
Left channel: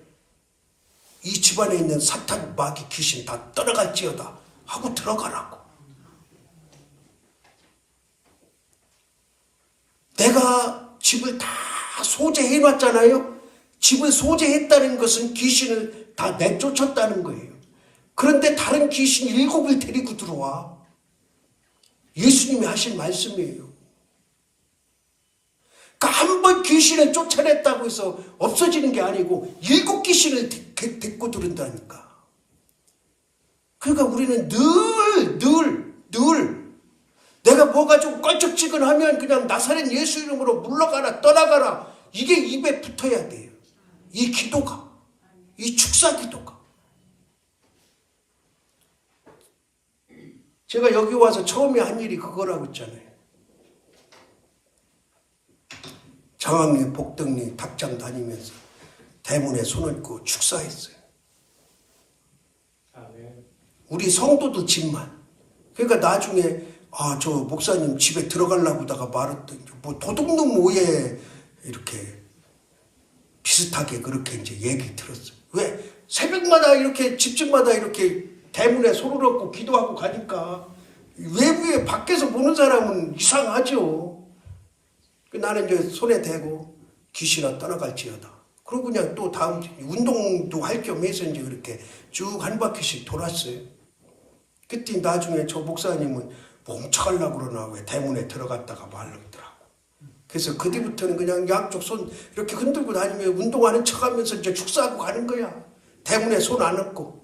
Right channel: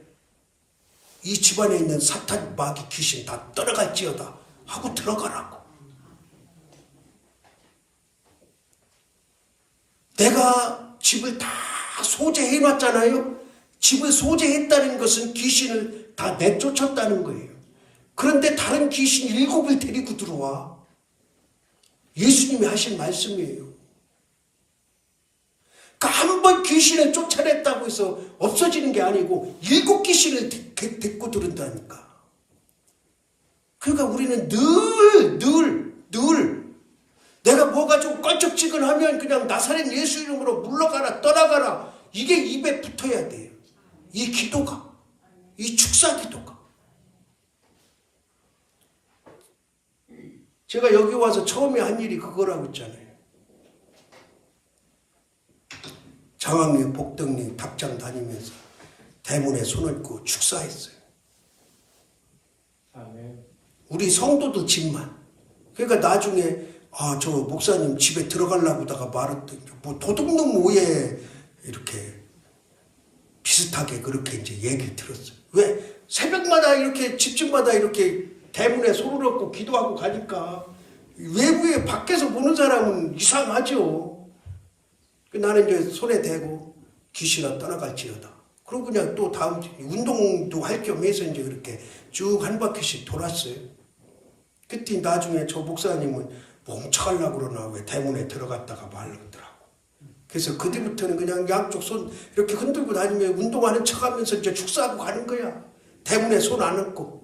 이 집안에 있는 사탄 마귀 귀신 다 떠나갈지어다 하고 들어가라고. 내가 집을 다 소재해놨잖아요. 집을 소재했다는 것은 귀신을 다 내쫓았다는 거예요. 그런데 다른 귀신 7을 데리고 들어와. 예수님이 하신 말씀이에요. 그러니까 한 번 귀신을 쫓아냈다고 해서 없어지는 게 아니고 7 귀신을 데리고 들은다니까. 그러니까 우리는 늘 내가 뭐가 좀 껄쩍지근하면 그냥 나사렛 예수 이름으로 물러가라 떠나가라 이게 입에 붙어야 돼요. 이 기도가 이 축사기도가. 제가 여기 와서 처음에 한 일이 그거라고 했잖아요. 장학리, 복덕리, 답장 다니면서 대문에 손을 얹고 축사했어요. 우리 성도들 집만. 그러니까 나중에 저 목사님 집에 들어가려고 다가 말했더니 뭐 도둑놈 오해 이렇게 비슷하게 그렇게 이제 얘기를 들었어요. 왜? 새벽마다 이렇게 집집마다 이렇게 대문에 손을 얹고 기도하고 가니까 외부에 밖에서 보는 사람은 이상하죠. 나는 이제 손에 대고 귀신아 떠나갈지어다. 그러고 그냥 또 다음 운동도 할 겸 해서 이제 그렇게 쭉 한 바퀴씩 돌았어요. 그때 나중에 저 목사님은 멍청하려고 그러나 왜 대문에 들어갔다가 말르더라고. 그래서 그 뒤부터는 그냥 양쪽 손 이렇게 흔들고 다니며 운동하는 척하면서 이제 축사하고 가는 거야. 대문에 손 안 얹고.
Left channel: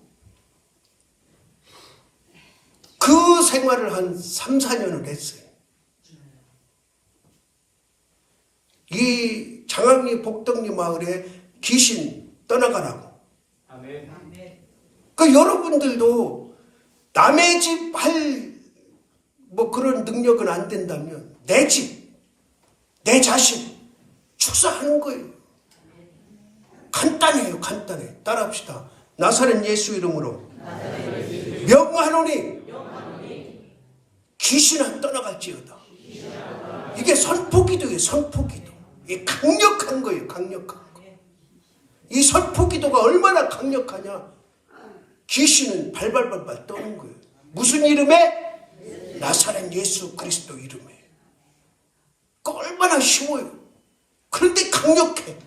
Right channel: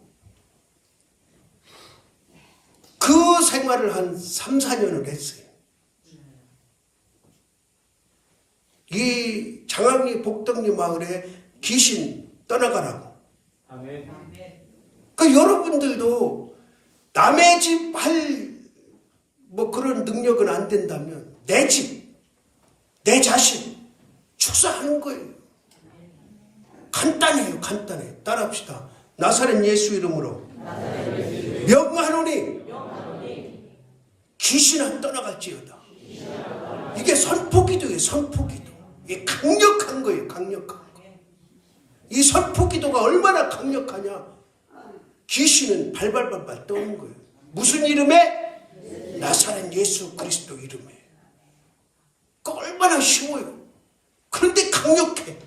그 생활을 한 3, 4년을 했어요. 이 장학리 복덕리 마을에 귀신 떠나가라고. 아멘. 그 여러분들도 남의 집 할 뭐 그런 능력은 안 된다면 내 집, 내 자신 축사하는 거예요. 간단해요, 간단해. 따라합시다. 나사렛 예수 이름으로 명하노니 귀신아 떠나갈지어다. 이게 선포기도예요, 선포기도. 이게 강력한 거예요, 강력한 거. 이 선포기도가 얼마나 강력하냐. 귀신은 발발발발 떠는 거예요. 무슨 이름에? 나사렛 예수 그리스도 이름에. 그 얼마나 쉬워요. 그런데 강력해.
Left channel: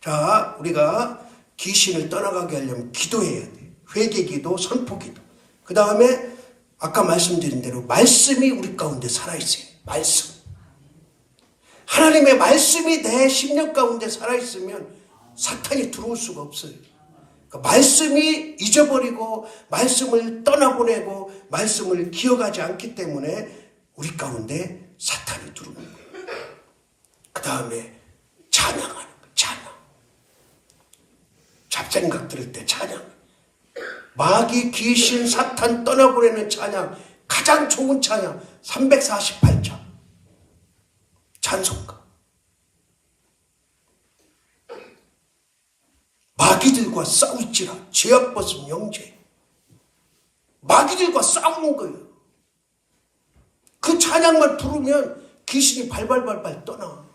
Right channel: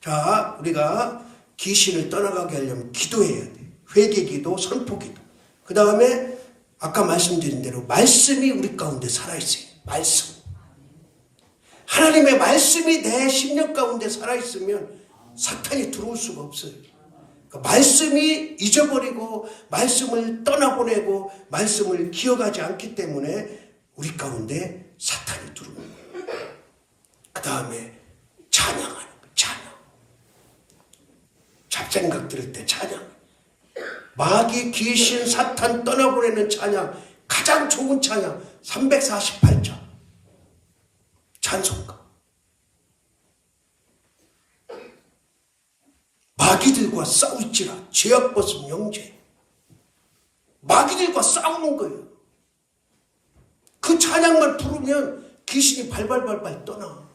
자, 우리가 귀신을 떠나가게 하려면 기도해야 돼. 회개기도, 선포기도. 그 다음에 아까 말씀드린 대로 말씀이 우리 가운데 살아있어요. 말씀. 하나님의 말씀이 내 심령 가운데 살아있으면 사탄이 들어올 수가 없어요. 그러니까 말씀이 잊어버리고 말씀을 떠나보내고 말씀을 기억하지 않기 때문에 우리 가운데 사탄이 들어오는 거예요. 그 다음에 찬양하는 거예요. 찬양. 잡생각 들을 때 찬양. 마귀, 귀신, 사탄 떠나보내는 찬양. 가장 좋은 찬양 348장 찬송가. 마귀들과 싸울지라 죄악 벗은 영재. 마귀들과 싸우는 거예요. 그 찬양만 부르면 귀신이 발발발발 떠나.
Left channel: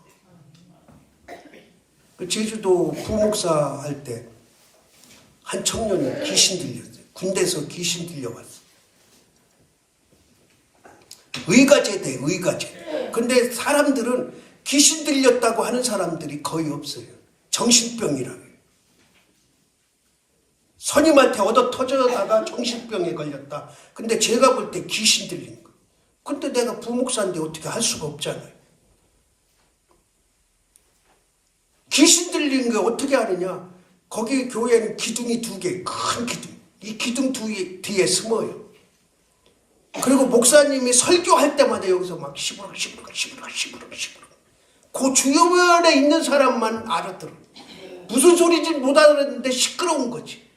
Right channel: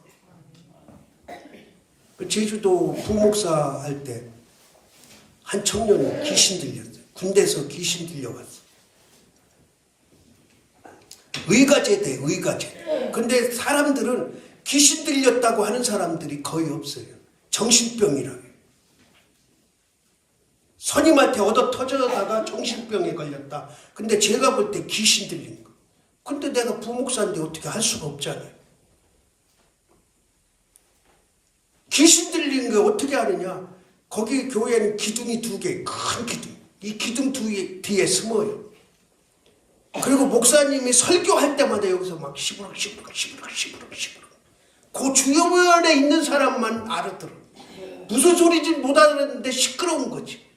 제주도 부목사 할 때 한 청년이 귀신 들렸어요. 군대에서 귀신 들려왔어요. 의가제대, 의가제. 근데 사람들은 귀신 들렸다고 하는 사람들이 거의 없어요. 정신병이라고. 선임한테 얻어 터져다가 정신병에 걸렸다. 근데 제가 볼 때 귀신 들린 거. 근데 내가 부목사인데 어떻게 할 수가 없잖아요. 귀신 들린 게 어떻게 하느냐. 거기 교회에는 기둥이 2개, 큰 기둥. 이 기둥 뒤에 숨어요. 그리고 목사님이 설교할 때마다 여기서 막 시부룩 그 주요면에 있는 사람만 알아들어. 무슨 소리인지 못 알아듣는데 시끄러운 거지.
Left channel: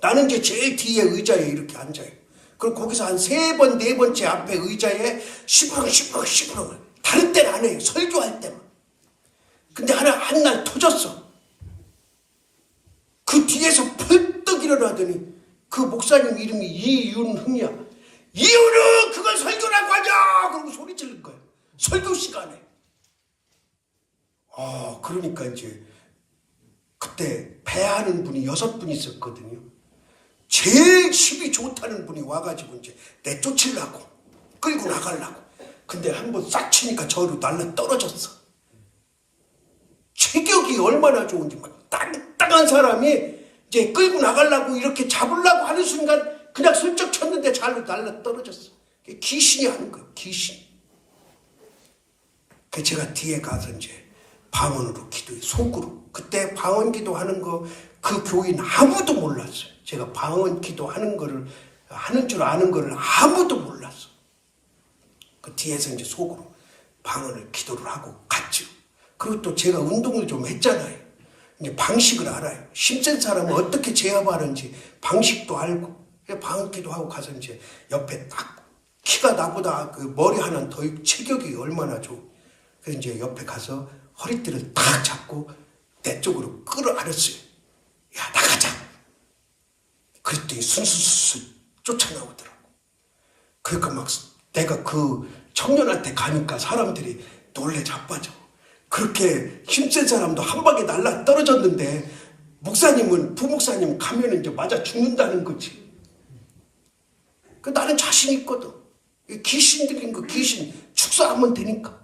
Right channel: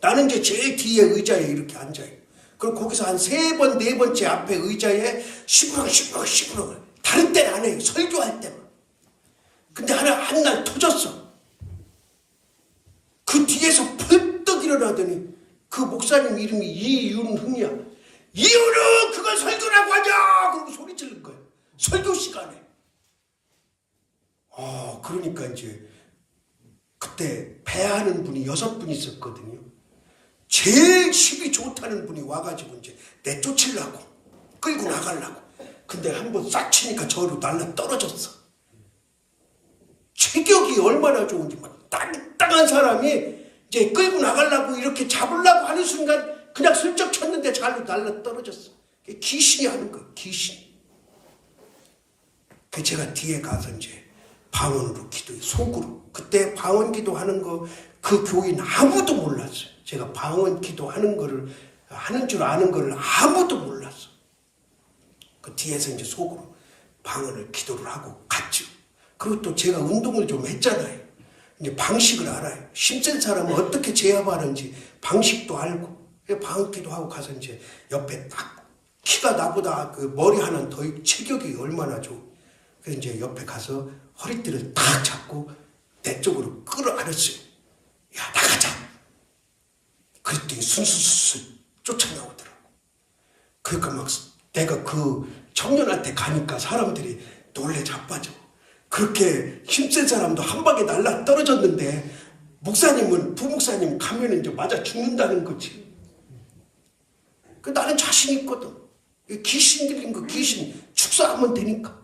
나는 이제 제일 뒤에 의자에 이렇게 앉아요. 그럼 거기서 한 3번, 4번째 앞에 의자에 시부룩 다른 때는 안 해요. 설교할 때만. 근데 한 날 터졌어. 그 뒤에서 펄떡 일어나더니 그 목사님 이름이 이윤흥이야. 이윤흥 그걸 설교라고 하냐. 그러고 소리 지른 거예요. 설교 시간에. 그러니까 이제 그때 배하는 분이 6분 있었거든요. 제일 힘이 좋다는 분이 와가지고 이제 내쫓으려고 끌고 나가려고. 근데 한번 싹 치니까 저로 날라 떨어졌어. 체격이 얼마나 좋은지 막 땅땅한 사람이 이제 끌고 나가려고 이렇게 잡으려고 하는 순간 그냥 슬쩍 쳤는데 잘로 날라 떨어졌어. 귀신이 하는 거예요. 귀신. 그 제가 뒤에 가서 이제 방언으로 기도해. 속으로. 그때 방언 기도하는 거 그 교인 아무도 몰랐어요. 제가 방언 기도하는 거를 하는 줄 아는 거를 아무도 몰랐어. 그 뒤에서 이제 속으로 방언을 기도를 하고 갔죠. 그리고 또 제가 운동을 좀 했잖아요. 이제 방식을 알아요. 힘센 사람은 어떻게 제압하는지 방식도 알고, 방언기도 하고 가서 이제 옆에 딱 키가 나보다 그 머리 하나 더 체격이 얼마나 좋고, 그래서 이제 옆에 가서 허리띠를 딱 잡고 내 쪽으로 끌어안았어요. 야, 나가자. 그랬더니 순수순수 쫓아나오더라고. 그러니까 막 내가 그 청년한테 가니까 사람들이 놀래 자빠져. 그렇게 힘센 사람도 한 방에 날라 떨어졌는데 목사님은, 부목사님 가면 이제 맞아 죽는다는 거지. 나는 자신 있거든. 귀신 들린 거 귀신 축사하면 되니까.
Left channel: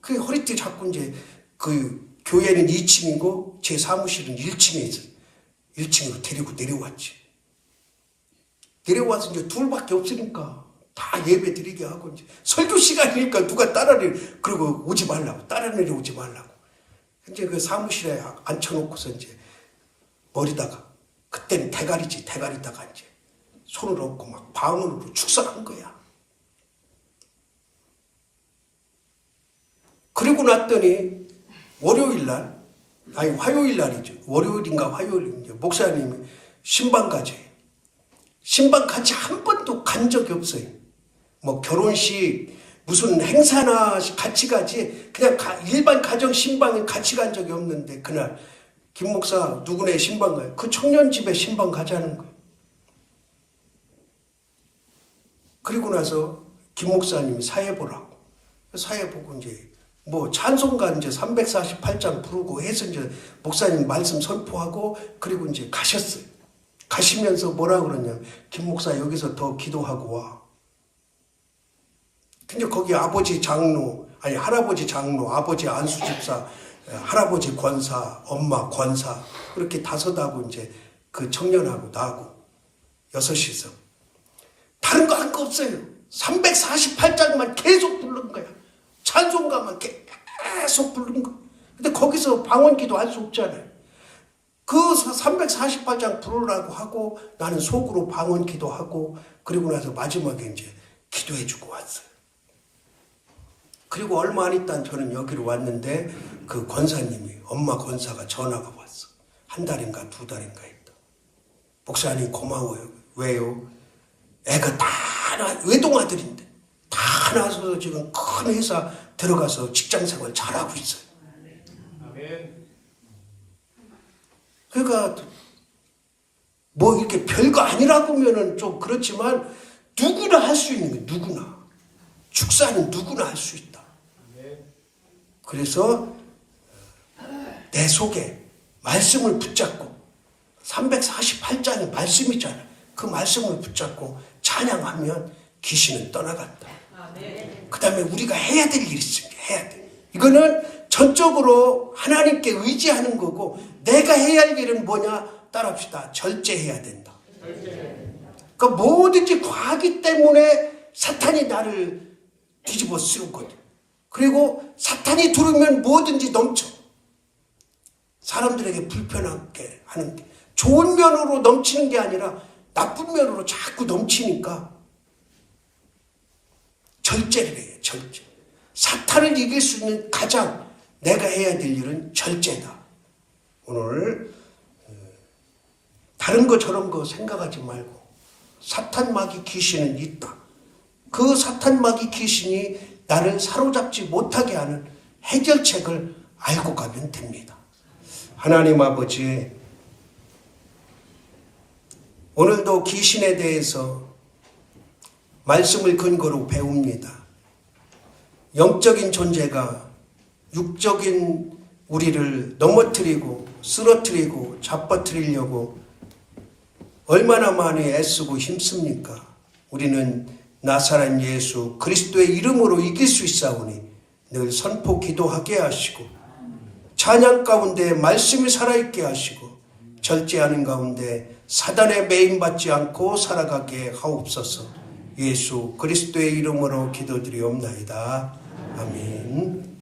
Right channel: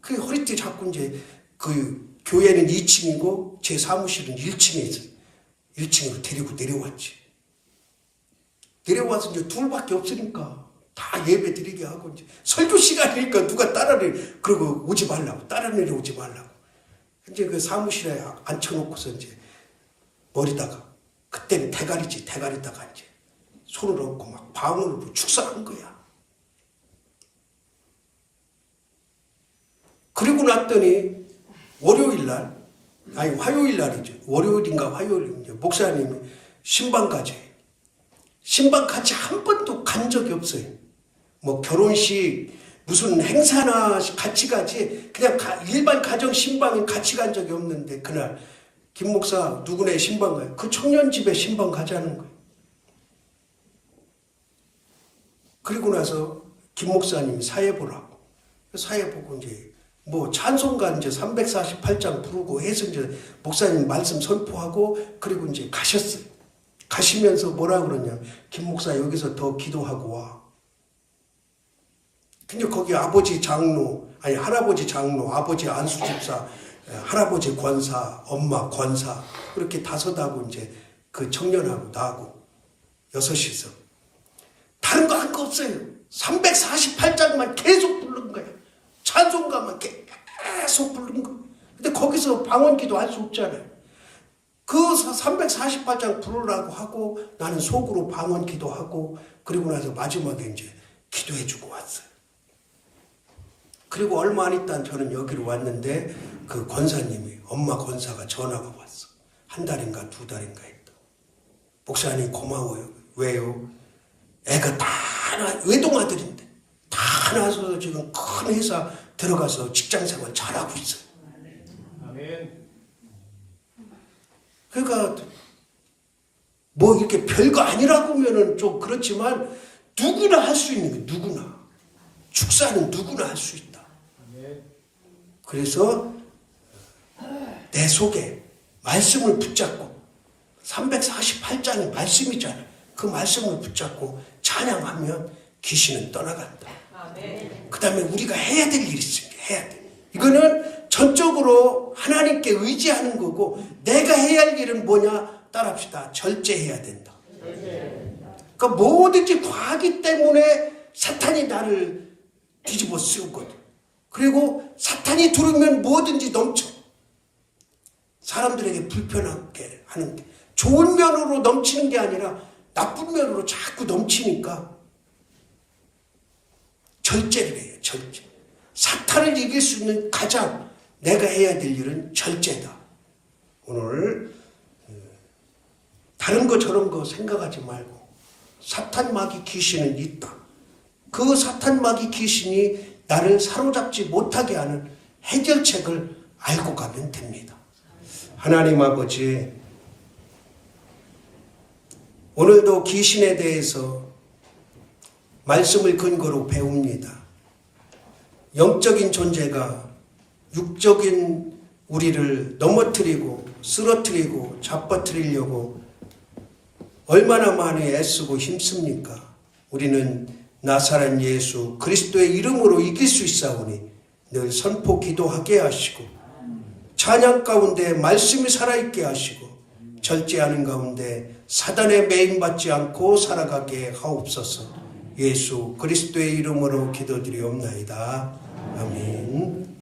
그 허리띠 잡고 이제 그 교회는 2층이고 제 사무실은 1층에 있어요. 1층으로 데리고 내려왔지. 내려와서 이제 둘밖에 없으니까 다 예배 드리게 하고 이제 설교 시간이니까 누가 따라를 그러고 오지 말라고, 따라 내려오지 말라고. 이제 그 사무실에 앉혀놓고서 이제 머리다가 그때는 대가리지, 대가리다가 이제 손을 얹고 막 방언으로 축사한 거야. 그리고 났더니 월요일날, 아니 화요일날이죠. 월요일인가 화요일인가 목사님이 신방까지 한 번도 간 적이 없어요. 뭐 결혼식 무슨 행사나 같이 가지 그냥 일반 가정 신방에 같이 간 적이 없는데 그날 김 목사 누구네 신방 가요. 그 청년 집에 신방 가자는 거예요. 그리고 나서 김 목사님이 사회 보라고. 사회 보고 이제 뭐 찬송가 이제 348장 부르고 해서 이제 목사님 말씀 선포하고 그리고 이제 가셨어요. 가시면서 뭐라 그러냐. 김 목사 여기서 더 기도하고 와. 근데 거기 아버지 장로, 아니 할아버지 장로, 아버지 안수집사, 할아버지 권사, 엄마 권사 그렇게 다섯하고 이제 그 청년하고 나하고 6이서 다른 거 한 거 없어요. 348장만 계속 부른 거야. 찬송가만 계속 부른 거. 근데 거기서 방언기도 할 수 없잖아요. 그 348장 부르라고 하고 나는 속으로 방언기도 하고 그리고 나서 마지막에 이제 기도해주고 왔어요. 그리고 얼마 안 있다 저는 여기로 왔는데 그 권사님이, 엄마 권사가 전화가 왔어. 1달인가 2달인가 있다. 목사님 고마워요. 왜요? 애가 다 외동아들인데 다 나서 지금 큰 회사 들어가서 직장생활 잘하고 있어요. 그러니까 뭐 이렇게 별거 아니라고 하면은 좀 그렇지만 누구나 할 수 있는 거, 누구나. 축사는 누구나 할 수 있다. 그래서 내 속에 말씀을 붙잡고 348장의 말씀이잖아. 그 말씀을 붙잡고 찬양하면 귀신은 떠나간다. 그 다음에 우리가 해야 될 일이 있습니다. 해야 돼. 이거는 전적으로 하나님께 의지하는 거고 내가 해야 할 일은 뭐냐? 따라합시다. 절제해야 된다. 그러니까 뭐든지 과하기 때문에 사탄이 나를 뒤집어 쓰거든. 그리고 사탄이 들으면 뭐든지 넘쳐. 사람들에게 불편하게 하는데 좋은 면으로 넘치는 게 아니라 나쁜 면으로 자꾸 넘치니까 절제를 해요. 절제. 사탄을 이길 수 있는 가장 내가 해야 될 일은 절제다. 오늘 다른 거 저런 거 생각하지 말고 사탄 마귀 귀신은 있다. 그 사탄 마귀 귀신이 나를 사로잡지 못하게 하는 해결책을 알고 가면 됩니다. 하나님 아버지, 오늘도 귀신에 대해서 말씀을 근거로 배웁니다. 영적인 존재가 육적인 우리를 넘어뜨리고 쓰러뜨리고 잡아뜨리려고 얼마나 많이 애쓰고 힘씁니까? 우리는 나사렛 예수 그리스도의 이름으로 이길 수 있사오니 늘 선포 기도하게 하시고 찬양 가운데 말씀이 살아있게 하시고 절제하는 가운데 사단에 매임받지 않고 살아가게 하옵소서. 예수 그리스도의 이름으로 기도드리옵나이다. 아멘.